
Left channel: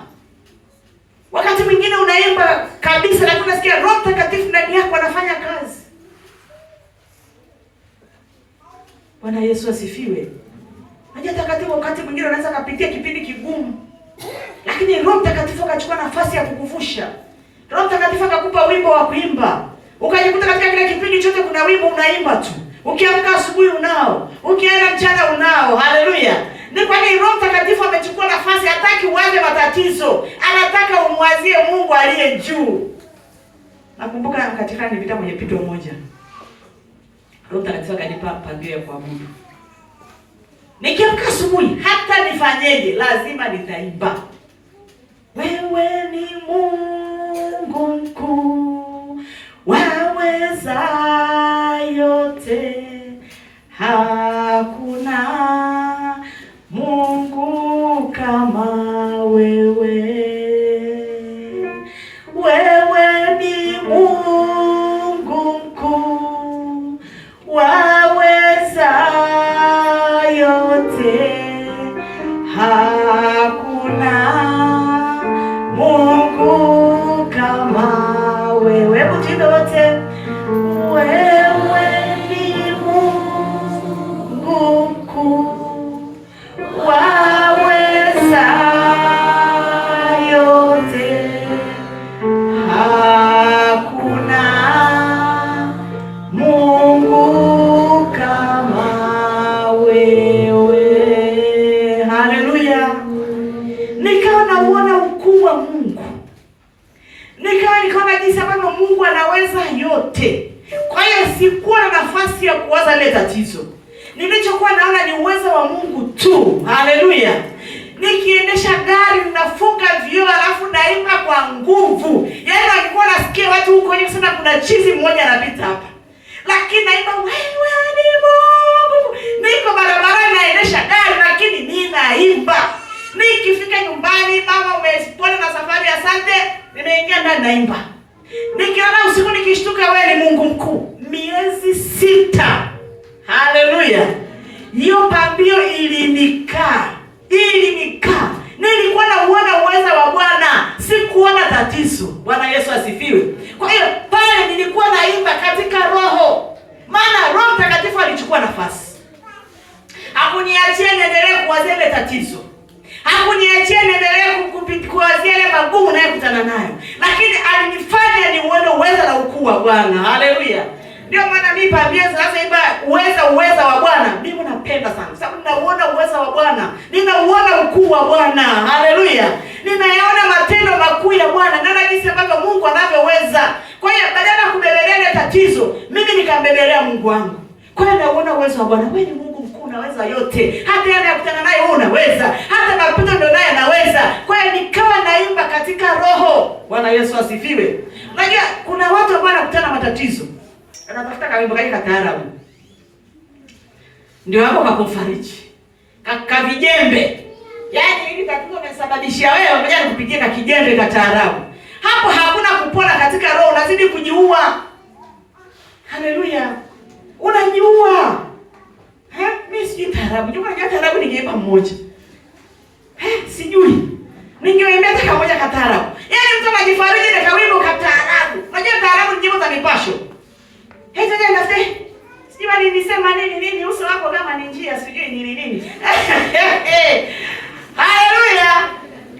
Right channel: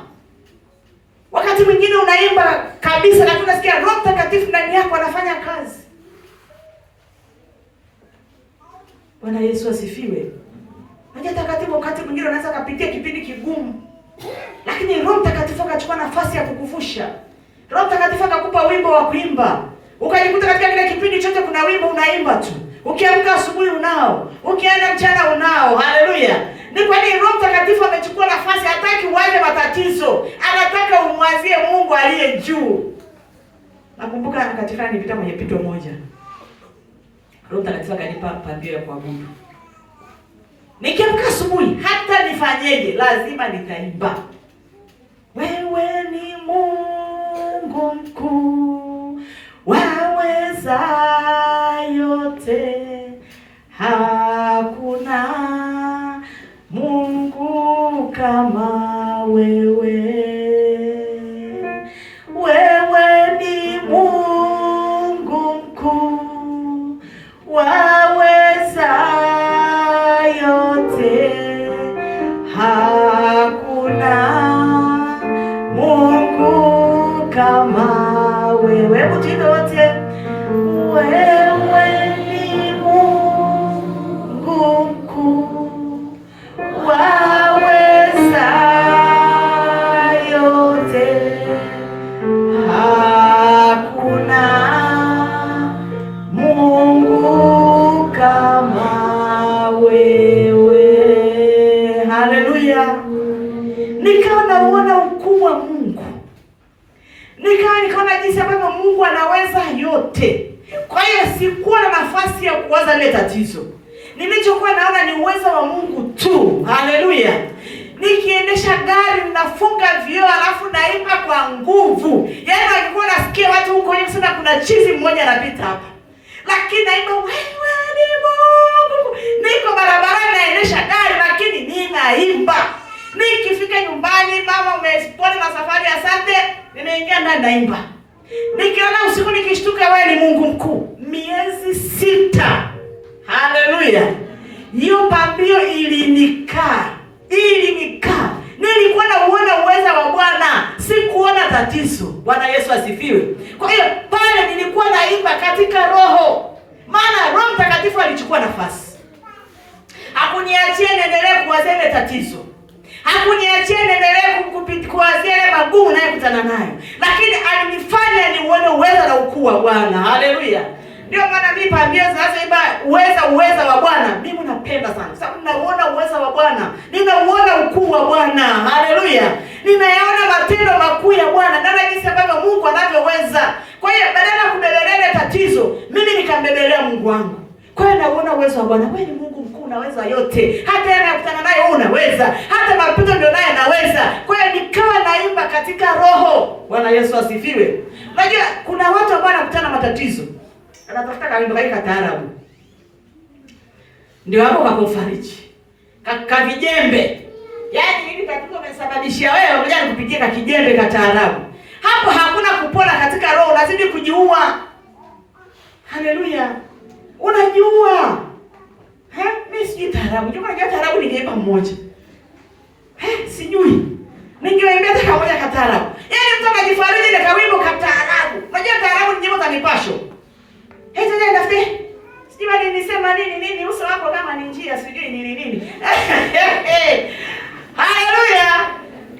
Wakati mwingine unaimba kabisa, lakini unasikia Roho Mtakatifu ndani yako anafanya kazi. Bwana Yesu asifiwe. Unajua wakati mwingine unaweza kupitia kipindi kigumu, lakini Roho Mtakatifu akachukua nafasi ya kukuvusha. Roho Mtakatifu akakupa wimbo wa kuimba. Ukajikuta katika kile kipindi chote kuna wimbo unaimba tu. Ukiamka asubuhi unao, ukienda mchana unao. Haleluya. Ni kwa nini Roho Mtakatifu amechukua nafasi? Hataki uanze matatizo. Anataka umwazie Mungu aliye juu. Nakumbuka katika nilipita kwenye pito moja. Roho Mtakatifu akanipa pambio ya kuabudu. Nikiamka asubuhi, hata nifanyeje, lazima nitaimba. Wewe ni Mungu mkuu, waweza yote, hakuna Mungu kama wewe. Wewe ni Mungu mkuu, waweza yote, hakuna Mungu kama wewe. Hebu tuimbe wote. Wewe ni Mungu mkuu, waweza yote, hakuna Mungu kama wewe. Haleluya. Nikawa nauona ukuu wa Mungu. Nikaona jinsi ambavyo Mungu anaweza yote. Kwa hiyo sikuwa na nafasi ya kuwaza ile tatizo. Nilichokuwa naona ni uwezo wa Mungu tu. Haleluya. Nikiendesha gari ninafunga vioo alafu naimba kwa nguvu. Yaani nilikuwa nasikia watu huko nje sana, kuna chizi mmoja anapita hapa. Lakini naimba wewe ni Mungu. Niko barabarani naendesha gari lakini ninaimba. Nikifika nyumbani, mama umepona na safari, asante, nimeingia ndani naimba. Nikiona usiku nikishtuka, wewe ni Mungu mkuu. Miezi 6. Haleluya. Hiyo pambio ilinikaa. Nilikuwa nauona uweza wa Bwana, sikuona tatizo. Bwana Yesu asifiwe. Kwa hiyo pale nilikuwa naimba katika roho. Maana Roho Mtakatifu alichukua nafasi. Hakuniachia niendelee kuwazia ile tatizo. Hakuniachia niendelee kuwazia ile magumu ninayokutana nayo. Lakini alinifanya niuone uweza na ukuu wa Bwana. Haleluya. Ndio maana mimi pambio sasa imba uweza wa Bwana. Mimi napenda sana. Sababu ninauona uweza wa Bwana. Ninauona ukuu wa Bwana. Haleluya. Ninayaona matendo ya Bwana, naona jinsi ambavyo Mungu anavyoweza. Kwa hiyo badala ya kubebelea tatizo, mimi nikambebelea Mungu wangu. Kwa hiyo naona uwezo wa Bwana. Wewe ni Mungu mkuu, unaweza yote. Hata yeye anakutana naye unaweza. Hata mapigo ndio naye anaweza. Kwa hiyo nikawa naimba katika roho. Bwana Yesu asifiwe. Unajua kuna watu ambao wanakutana matatizo. Anatafuta kaimba kaika taarabu. Ndio hapo kakufariji. Kavijembe. Yaani hili tatizo umesababishia wewe, ngoja nikupigie na kijembe ka taarabu. Hapo hakuna kupona katika roho, lazima kujiua. Haleluya. Unajiua. Mimi sijui taarabu. Ndio maana taarabu ningeimba mmoja. Sijui. Ningeimbia hata kamoja ka taarabu. Yaani mtu anajifariji na kawimbo ka taarabu. Unajua taarabu ni nyimbo za mipasho. Ndio nafte. Sijui nilisema nini uso wako kama ni njia sijui nini. Haleluya.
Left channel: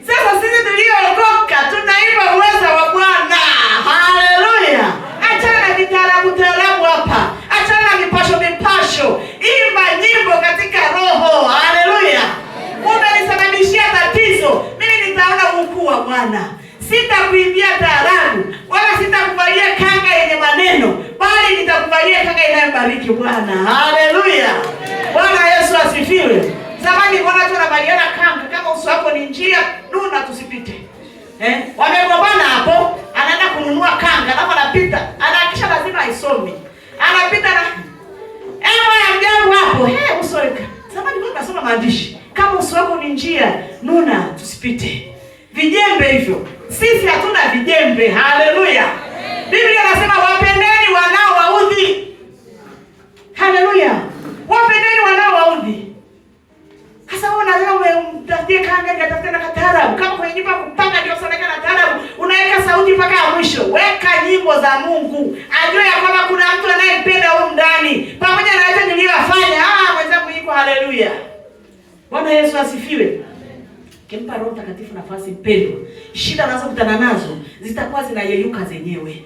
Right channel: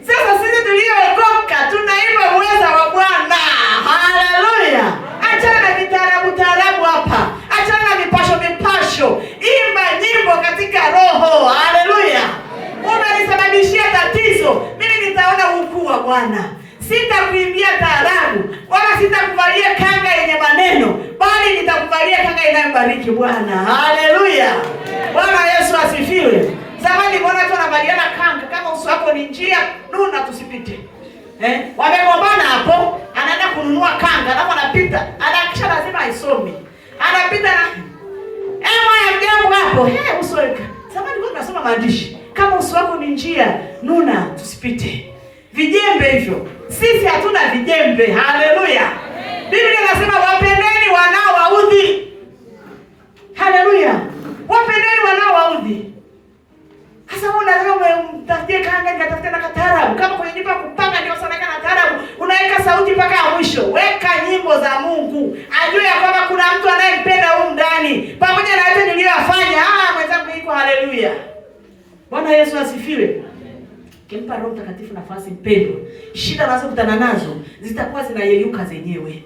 Sasa sisi tuliookoka tunaimba uwezo wa Bwana. Haleluya. Achana na taarabu hapa. Achana na mipasho. Imba nyimbo katika roho. Haleluya. Umenisababishia tatizo, mimi nitaona ukuu wa Bwana. Sitakuimbia taarabu, wala sitakuvalia kanga yenye maneno, bali nitakuvalia kanga inayobariki Bwana. Haleluya. Bwana Yesu asifiwe. Zamani Bwana tunavaliana kanga, kama uso wako ni njia, nuna tusipite. Wamegombana hapo, anaenda kununua kanga, alafu anapita, anahakisha lazima aisome. Anapita na ya mjambo hapo, uso wako. Zamani Bwana anasoma maandishi, kama uso wako ni njia, nuna tusipite. Vijembe hivyo. Sisi hatuna vijembe. Haleluya. Biblia inasema wapendeni wanaowaudhi. Haleluya. Wapendeni wanaowaudhi. Sasa unataka umtafutie kanga nitafutie na taarabu. Kama kwenye nyumba kupanga ndio sana kana taarabu, unaweka sauti mpaka mwisho. Weka nyimbo za Mungu. Ajue ya kwamba kuna mtu anayempenda huko ndani. Pamoja na yote niliyofanya, mwenzangu yuko. Haleluya. Bwana Yesu asifiwe. Kimpa Roho Mtakatifu nafasi mpendwa, shida unazokutana nazo zitakuwa zinayeyuka zenyewe.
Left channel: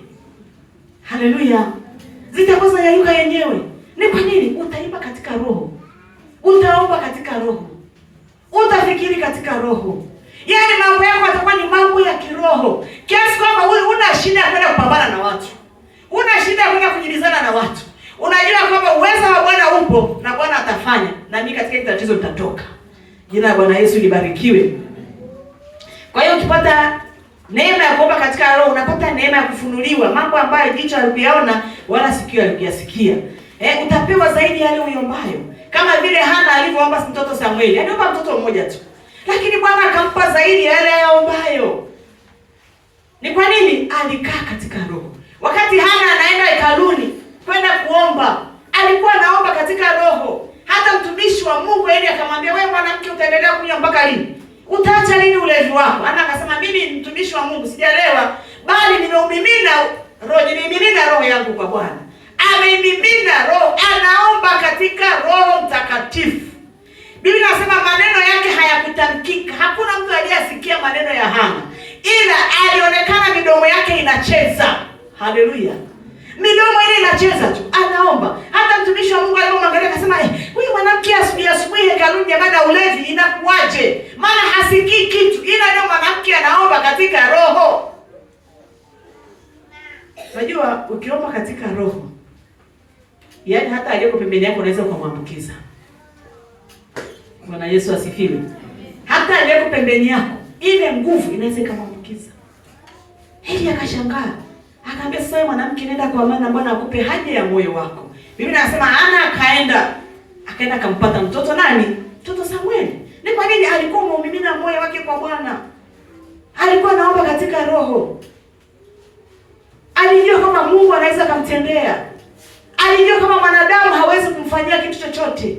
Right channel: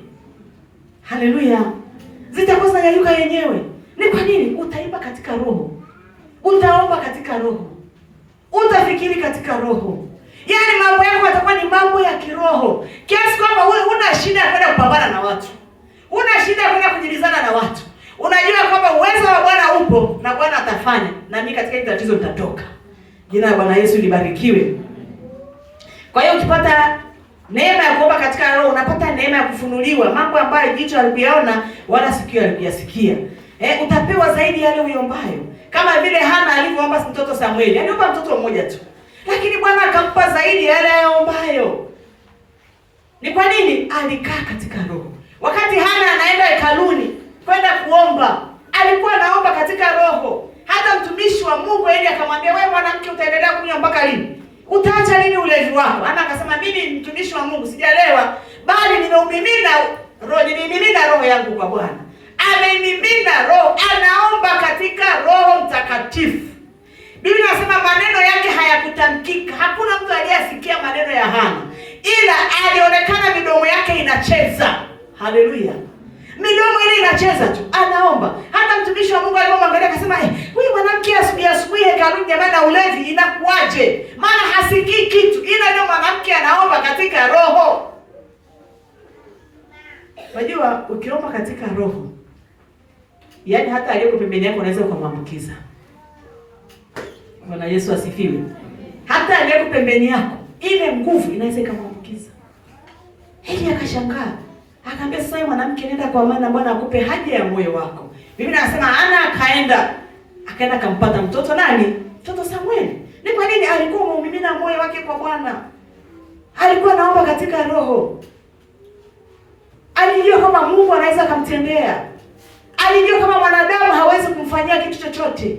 Haleluya. Zitakuwa zinayeyuka yenyewe. Ni kwa nini? Utaimba katika roho. Utaomba katika roho. Utafikiri katika roho. Yaani mambo yako yatakuwa ni mambo ya kiroho. Kiasi kwamba wewe una shida ya kwenda kupambana na watu. Una shida ya kwenda kujibizana na watu. Unajua kwamba uwezo wa Bwana upo na Bwana atafanya. Na mimi katika hili tatizo nitatoka. Jina la Bwana Yesu libarikiwe. Kwa hiyo ukipata neema ya kuomba katika roho, unapata neema ya kufunuliwa mambo ambayo jicho halijaona wala sikio halijasikia. Utapewa zaidi yale uombayo. Kama vile Hana alivyoomba mtoto Samueli. Aliomba mtoto mmoja tu. Lakini Bwana akampa zaidi yale ayaombayo. Ni kwa nini? Alikaa katika roho. Wakati Hana anaenda hekaluni kwenda kuomba, alikuwa anaomba katika roho. Hata mtumishi wa Mungu yeye akamwambia, wewe mwanamke utaendelea kunywa mpaka lini? Utaacha lini ulevi wako? Ana akasema, mimi mtumishi wa Mungu sijalewa, bali nimeumimina roho yangu kwa Bwana. Ameimimina roho, anaomba katika Roho Mtakatifu. Biblia inasema maneno yake hayakutamkika. Hakuna mtu aliyesikia maneno ya Hana, ila alionekana midomo yake inacheza. Haleluya. Midomo ile inacheza tu, anaomba. Hata mtumishi wa Mungu alipomwangalia akasema, huyu mwanamke asubuhi hekaluni jamani na ulevi inakuaje? Maana hasikii kitu. Ila ndio mwanamke anaomba katika roho. Unajua ukiomba katika roho, yaani hata aliyeko pembeni yako unaweza kumwambukiza. Bwana Yesu asifiwe. Hata aliyeko pembeni yako ile nguvu inaweza kumwambukiza. Hili akashangaa. Akaambia, sasa mwanamke nenda kwa maana Bwana akupe haja ya moyo wako. Biblia inasema Hana akaenda akampata mtoto nani? Mtoto Samueli. Ni kwa nini? Alikuwa muumimina moyo wake kwa Bwana. Alikuwa anaomba katika roho. Alijua kama Mungu anaweza kumtendea. Alijua kama mwanadamu hawezi kumfanyia kitu chochote.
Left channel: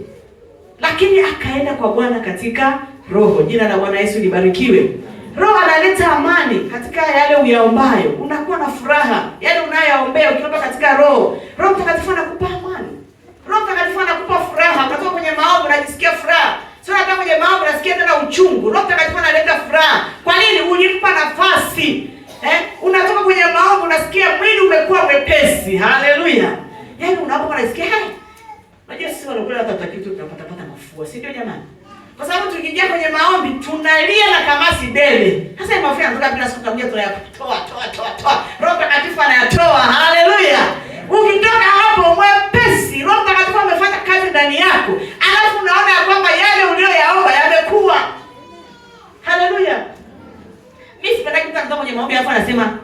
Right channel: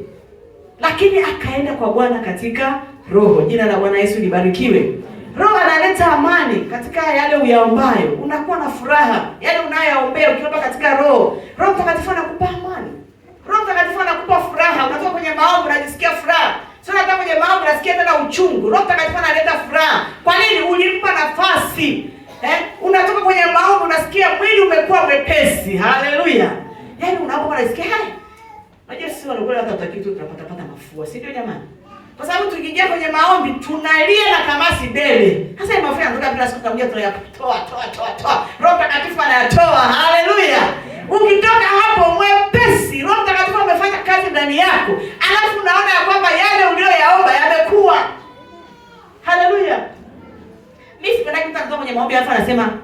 Lakini akaenda kwa Bwana katika roho. Jina la Bwana Yesu libarikiwe. Roho analeta amani katika yale uyaombayo. Unakuwa na furaha. Yale unayoyaombea ukiomba katika roho. Roho Mtakatifu anakupa amani. Roho Mtakatifu anakupa furaha. Unatoka kwenye maombi unajisikia furaha. Sio unatoka kwenye maombi unasikia tena uchungu. Roho Mtakatifu analeta furaha. Kwa nini? Ulimpa nafasi. Unatoka kwenye maombi unasikia mwili umekuwa mwepesi. Haleluya. Yaani unapokuwa unasikia unajua sisi wanakuwa hata kitu tunapata mafua. Si ndio jamani? Kwa sababu tukiingia kwenye maombi tunalia na kamasi dele. Sasa hiyo mafuta yanatoka bila siku kamia, tunayatoa. Roho Mtakatifu anayatoa. Haleluya. Ukitoka hapo mwepesi, Roho Mtakatifu amefanya kazi ndani yako. Alafu unaona kwamba yale uliyoyaomba yamekuwa. Haleluya. Mimi sipenda kutaka kwenye maombi hapa anasema,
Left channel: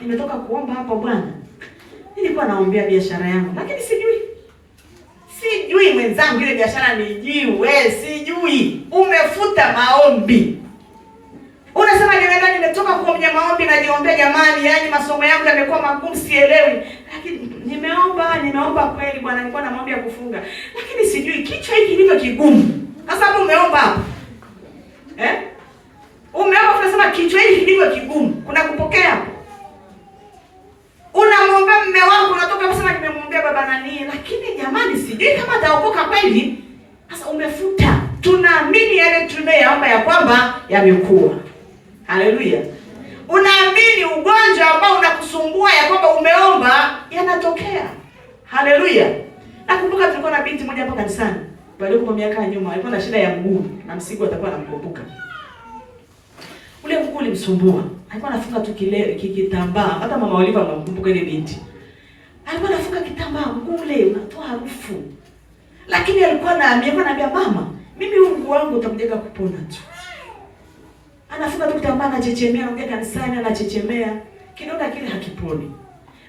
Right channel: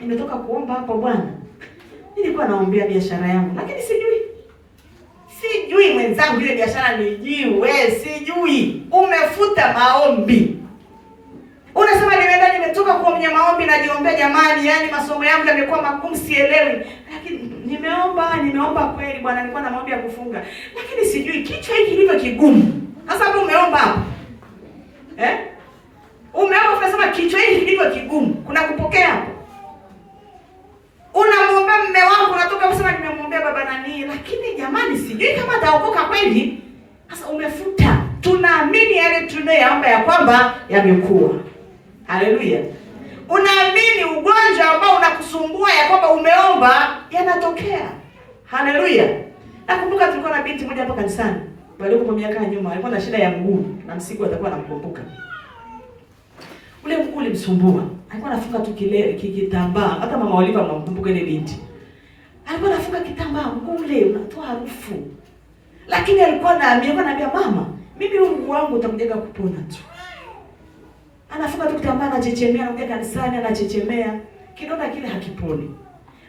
nimetoka kuomba hapo Bwana. Nilikuwa naombea biashara yangu, lakini sijui mwenzangu ile biashara nijiwe, sijui. Umefuta maombi. Unasema nimetoka kwenye maombi najiombea, jamani, yani masomo yangu yamekuwa magumu, sielewi. Lakini nimeomba kweli Bwana, nilikuwa na maombi ya kufunga. Lakini sijui kichwa hiki kilivyo kigumu. Sasa umeomba hapo. Umeomba unasema kichwa hiki kilivyo kigumu. Kuna kupokea hapo. Unamwombea mume wako, unatoka unasema nimemwombea baba nani, lakini jamani sijui kama ataokoka kweli. Sasa umefuta. Tunaamini yale tunayoomba ya kwamba yamekuwa. Haleluya. Unaamini ugonjwa ambao unakusumbua ya kwamba umeomba yanatokea. Haleluya. Nakumbuka tulikuwa na binti moja hapo kanisani. Walikuwa miaka nyuma, alikuwa na shida ya mguu na msiku atakuwa anakumbuka. Ule mguu ulimsumbua. Alikuwa anafunga tu kitambaa. Hata mama Oliva mkumbuka ile binti. Alikuwa anafunga kitambaa, mguu ule unatoa harufu. Lakini alikuwa ananiambia mama, mimi huu mguu wangu utakuja kupona tu. Anafunga tu kitambaa, anachechemea, anakuja kanisani anachechemea. Kidonda kile hakiponi.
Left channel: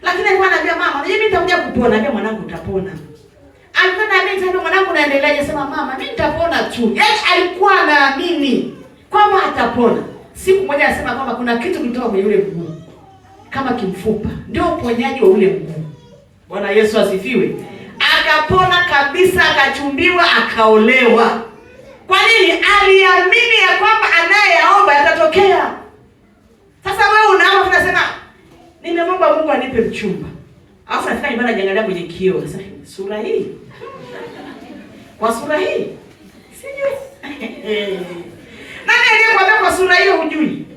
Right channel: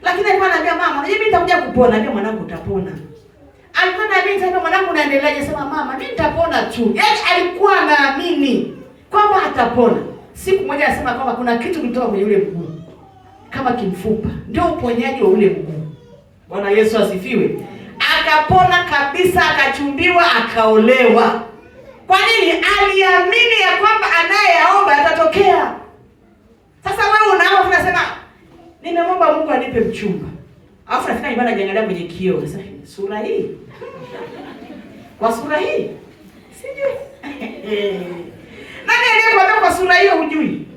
Lakini alikuwa ananiambia mama, mimi nitakuja kupona, anambia mwanangu utapona. Alikuwa anaamini mwanangu naendeleaje, sema mama, mimi nitapona tu. Yaani alikuwa anaamini kwamba atapona. Siku moja anasema kwamba kuna kitu kilitoka kwenye ule mguu kama kimfupa, ndio uponyaji wa ule mguu. Bwana Yesu asifiwe. Akapona kabisa, akachumbiwa, akaolewa. Kwa nini? Aliamini ya kwamba anayeomba atatokea. Sasa wewe unaomba unasema nimeomba Mungu anipe mchumba. Alafu nafika nyumbani najiangalia kwenye kioo, sasa sura hii. Kwa sura hii? Sijui. Nani aliyekwambia kwa sura hiyo hujui?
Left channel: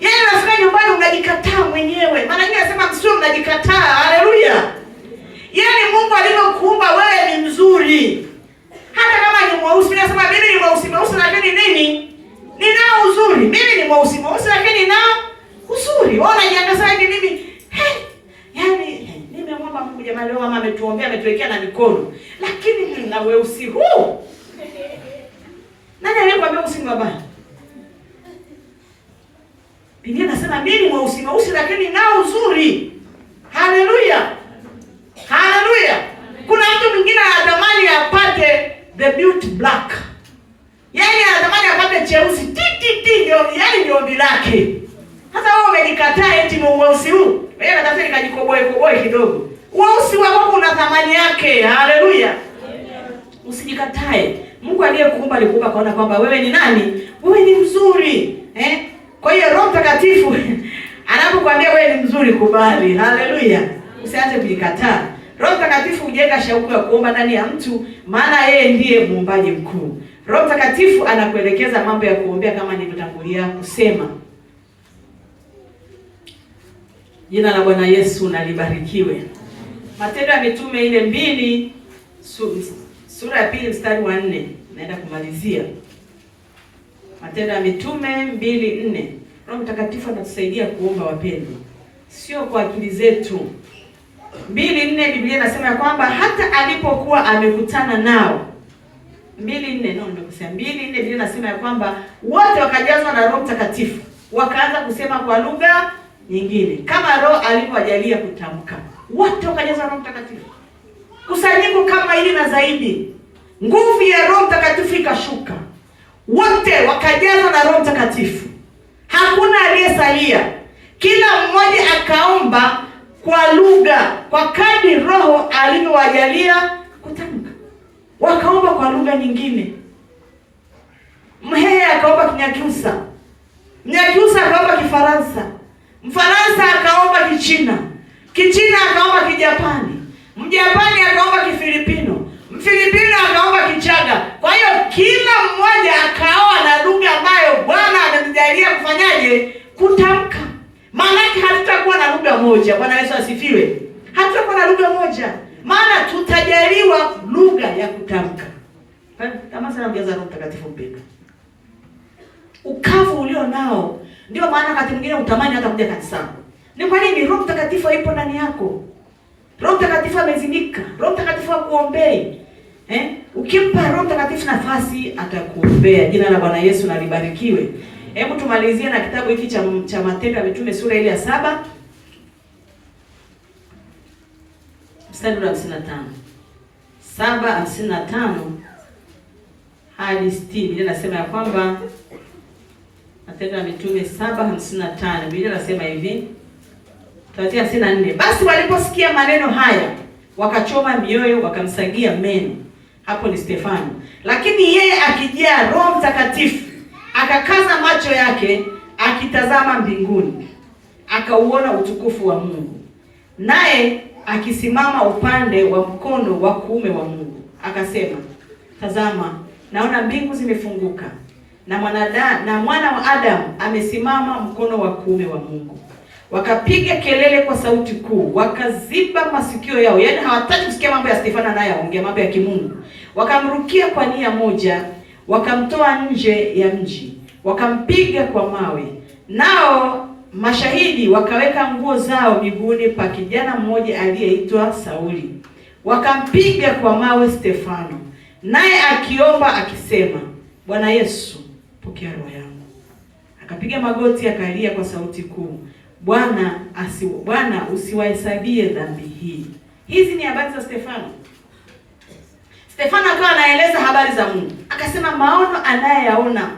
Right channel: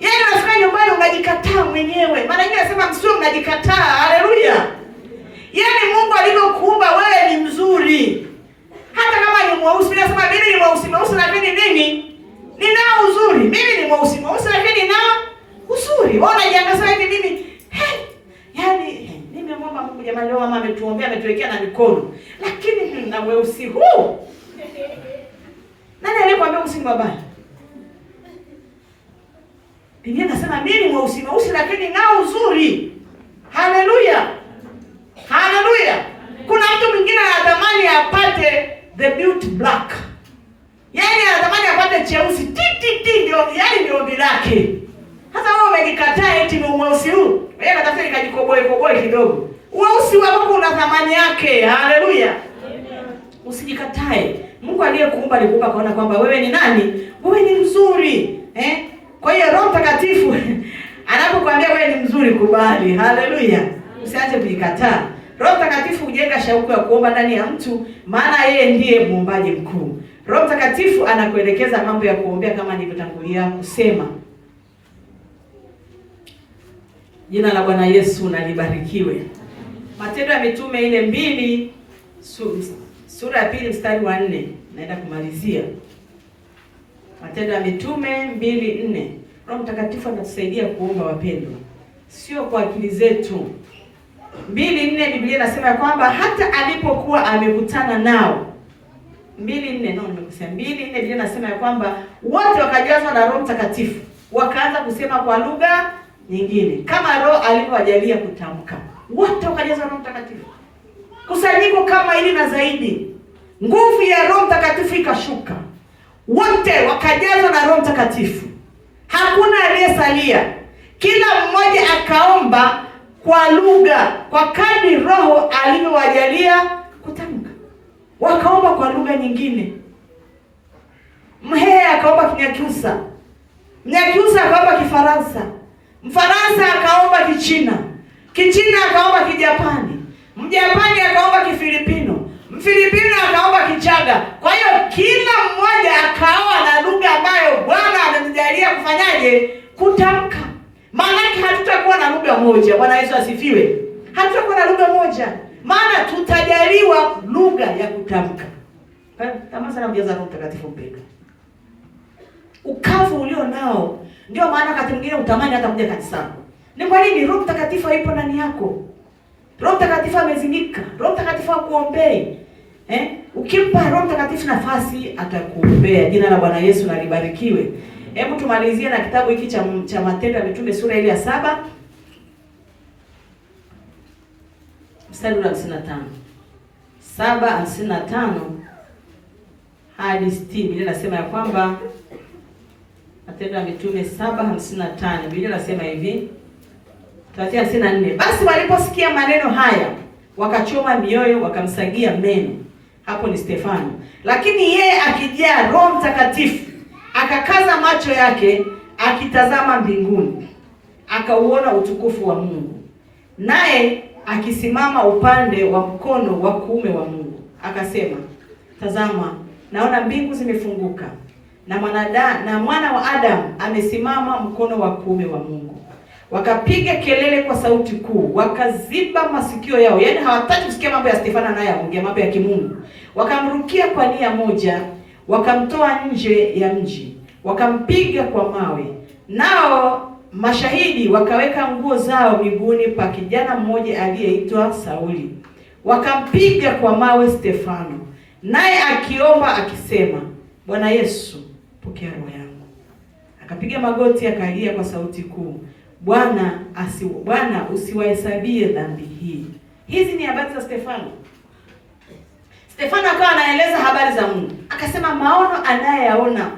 Yeye anafika nyumbani unajikataa mwenyewe. Maana yeye anasema msio mnajikataa. Haleluya. Yaani Mungu alivyokuumba wewe ni mzuri. Hata kama ni mweusi, anasema mimi ni mweusi lakini nini? Ninao uzuri. Mimi ni mweusi lakini ninao uzuri. Wewe unajiangalia hivi mimi. Yaani nimemwomba Mungu jamani, leo mama ametuombea, ametuwekea na mikono. Lakini nina weusi huu. Nani aliyekwambia usiku wabaya? Biblia inasema mimi ni mweusi lakini nao uzuri. Haleluya. Haleluya. Kuna mtu mwingine anatamani apate the beauty black. Yaani anatamani apate cheusi ndio yaani ndio ombi lake. Sasa wewe umejikataa eti mweusi huu. Wewe unataka nikajikoboe kidogo. Weusi wako una thamani yake. Haleluya. Usijikatae. Mungu aliyekuumba alikuumba kaona kwamba wewe ni nani? Wewe ni mzuri. Kwa hiyo Roho Mtakatifu anapokuambia wewe ni mzuri, kubali. Haleluya. Usianze kujikataa. Roho Mtakatifu hujenga shauku ya kuomba ndani ya mtu, maana yeye ndiye muumbaji mkuu. Roho Mtakatifu anakuelekeza mambo ya kuombea kama nilivyotangulia kusema. Jina la Bwana Yesu na libarikiwe. Matendo ya Mitume ile 2 sura ya 2 mstari wa 4 naenda kumalizia. Matendo ya Mitume 2:4. Roho Mtakatifu anatusaidia kuomba wapendwa. Sio kwa akili zetu. 2:4 Biblia inasema kwamba hata alipokuwa amekutana nao. 2:4 Biblia inasema kwamba wote wakajazwa na Roho Mtakatifu, wakaanza kusema kwa lugha nyingine kama Roho alivyowajalia kutamka. Wote wakajazwa na Roho Mtakatifu. Kusanyiko kama hili na zaidi, nguvu ya Roho Mtakatifu ikashuka. Wote wakajazwa na Roho Mtakatifu. Hakuna aliyesalia. Kila mmoja akaomba kwa lugha kwa kadri Roho alivyowajalia kutamka. Wakaomba kwa lugha nyingine. Mhehe akaomba Kinyakyusa. Mnyakyusa akaomba Kifaransa. Mfaransa akaomba Kichina. Kichina akaomba Kijapani. Mjapani akaomba Kifilipino. Mfilipino akaomba Kichaga. Kwa hiyo kila mmoja akaoa na lugha ambayo Bwana amemjalia kufanyaje? Kutamka. Maana hatutakuwa na lugha moja. Bwana Yesu asifiwe. Hatutakuwa na lugha moja. Maana tutajaliwa lugha ya kutamka. Kama sana mjaza Roho Mtakatifu mpendwa. Ukavu ulio nao ndio maana wakati mwingine utamani hata kuja kanisani. Ni kwa nini? Roho Mtakatifu hayupo ndani yako. Roho Mtakatifu amezindika. Roho Mtakatifu akuombei. Ukimpa Roho Mtakatifu nafasi atakuombea. Jina la Bwana Yesu na libarikiwe. Hebu tumalizie na kitabu hiki cha Matendo ya Mitume sura ile ya 7 mstari wa 55. 7:55 hadi 60. Biblia inasema ya kwamba Matendo ya Mitume 7:55. Biblia inasema hivi. 54. Basi waliposikia maneno haya wakachoma mioyo, wakamsagia meno. Hapo ni Stefano. Lakini yeye akijaa Roho Mtakatifu akakaza macho yake akitazama mbinguni, akauona utukufu wa Mungu, naye akisimama upande wa mkono wa kuume wa Mungu. Akasema, tazama, naona mbingu zimefunguka na mwana wa Adamu amesimama mkono wa kuume wa Mungu. Wakapiga kelele kwa sauti kuu, wakaziba masikio yao. Yaani hawataki kusikia mambo ya Stefano anayeongea mambo ya kimungu. Wakamrukia kwa nia moja, wakamtoa nje ya mji, wakampiga kwa mawe. Nao mashahidi wakaweka nguo zao miguuni pa kijana mmoja aliyeitwa Sauli. Wakampiga kwa mawe Stefano, naye akiomba akisema, Bwana Yesu, pokea roho yangu. Akapiga magoti akalia kwa sauti kuu, Bwana usiwahesabie dhambi hii. Hizi ni habari za Stefano. Stefano akawa anaeleza habari za Mungu. Akasema maono anayeyaona.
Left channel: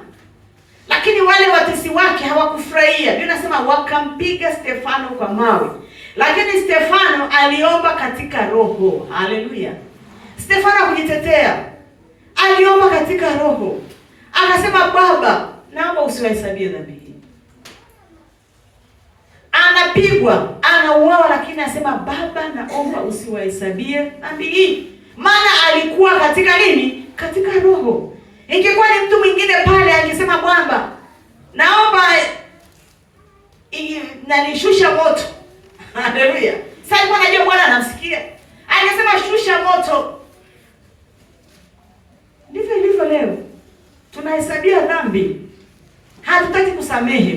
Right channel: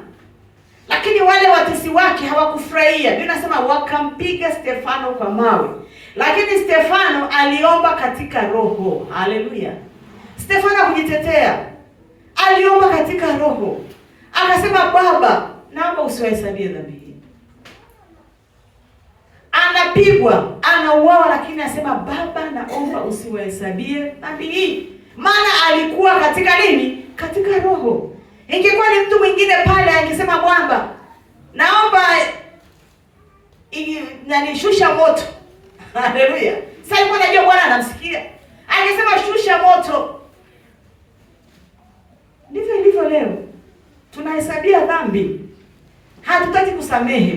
Lakini wale watesi wake hawakufurahia. Biblia inasema wakampiga Stefano kwa mawe. Lakini Stefano aliomba katika roho. Haleluya. Stefano hakujitetea. Aliomba katika roho. Akasema, Baba, naomba usiwahesabie dhambi hii. Anapigwa, anauawa, lakini anasema, Baba, naomba usiwahesabie dhambi hii. Maana alikuwa katika nini? Katika roho. Ingekuwa ni mtu mwingine pale angesema, Bwana, naomba nishusha moto. Haleluya. Sasa alikuwa anajua Bwana anamsikia. Angesema shusha moto. Ndivyo ilivyo leo. Tunahesabia dhambi. Hatutaki kusamehe.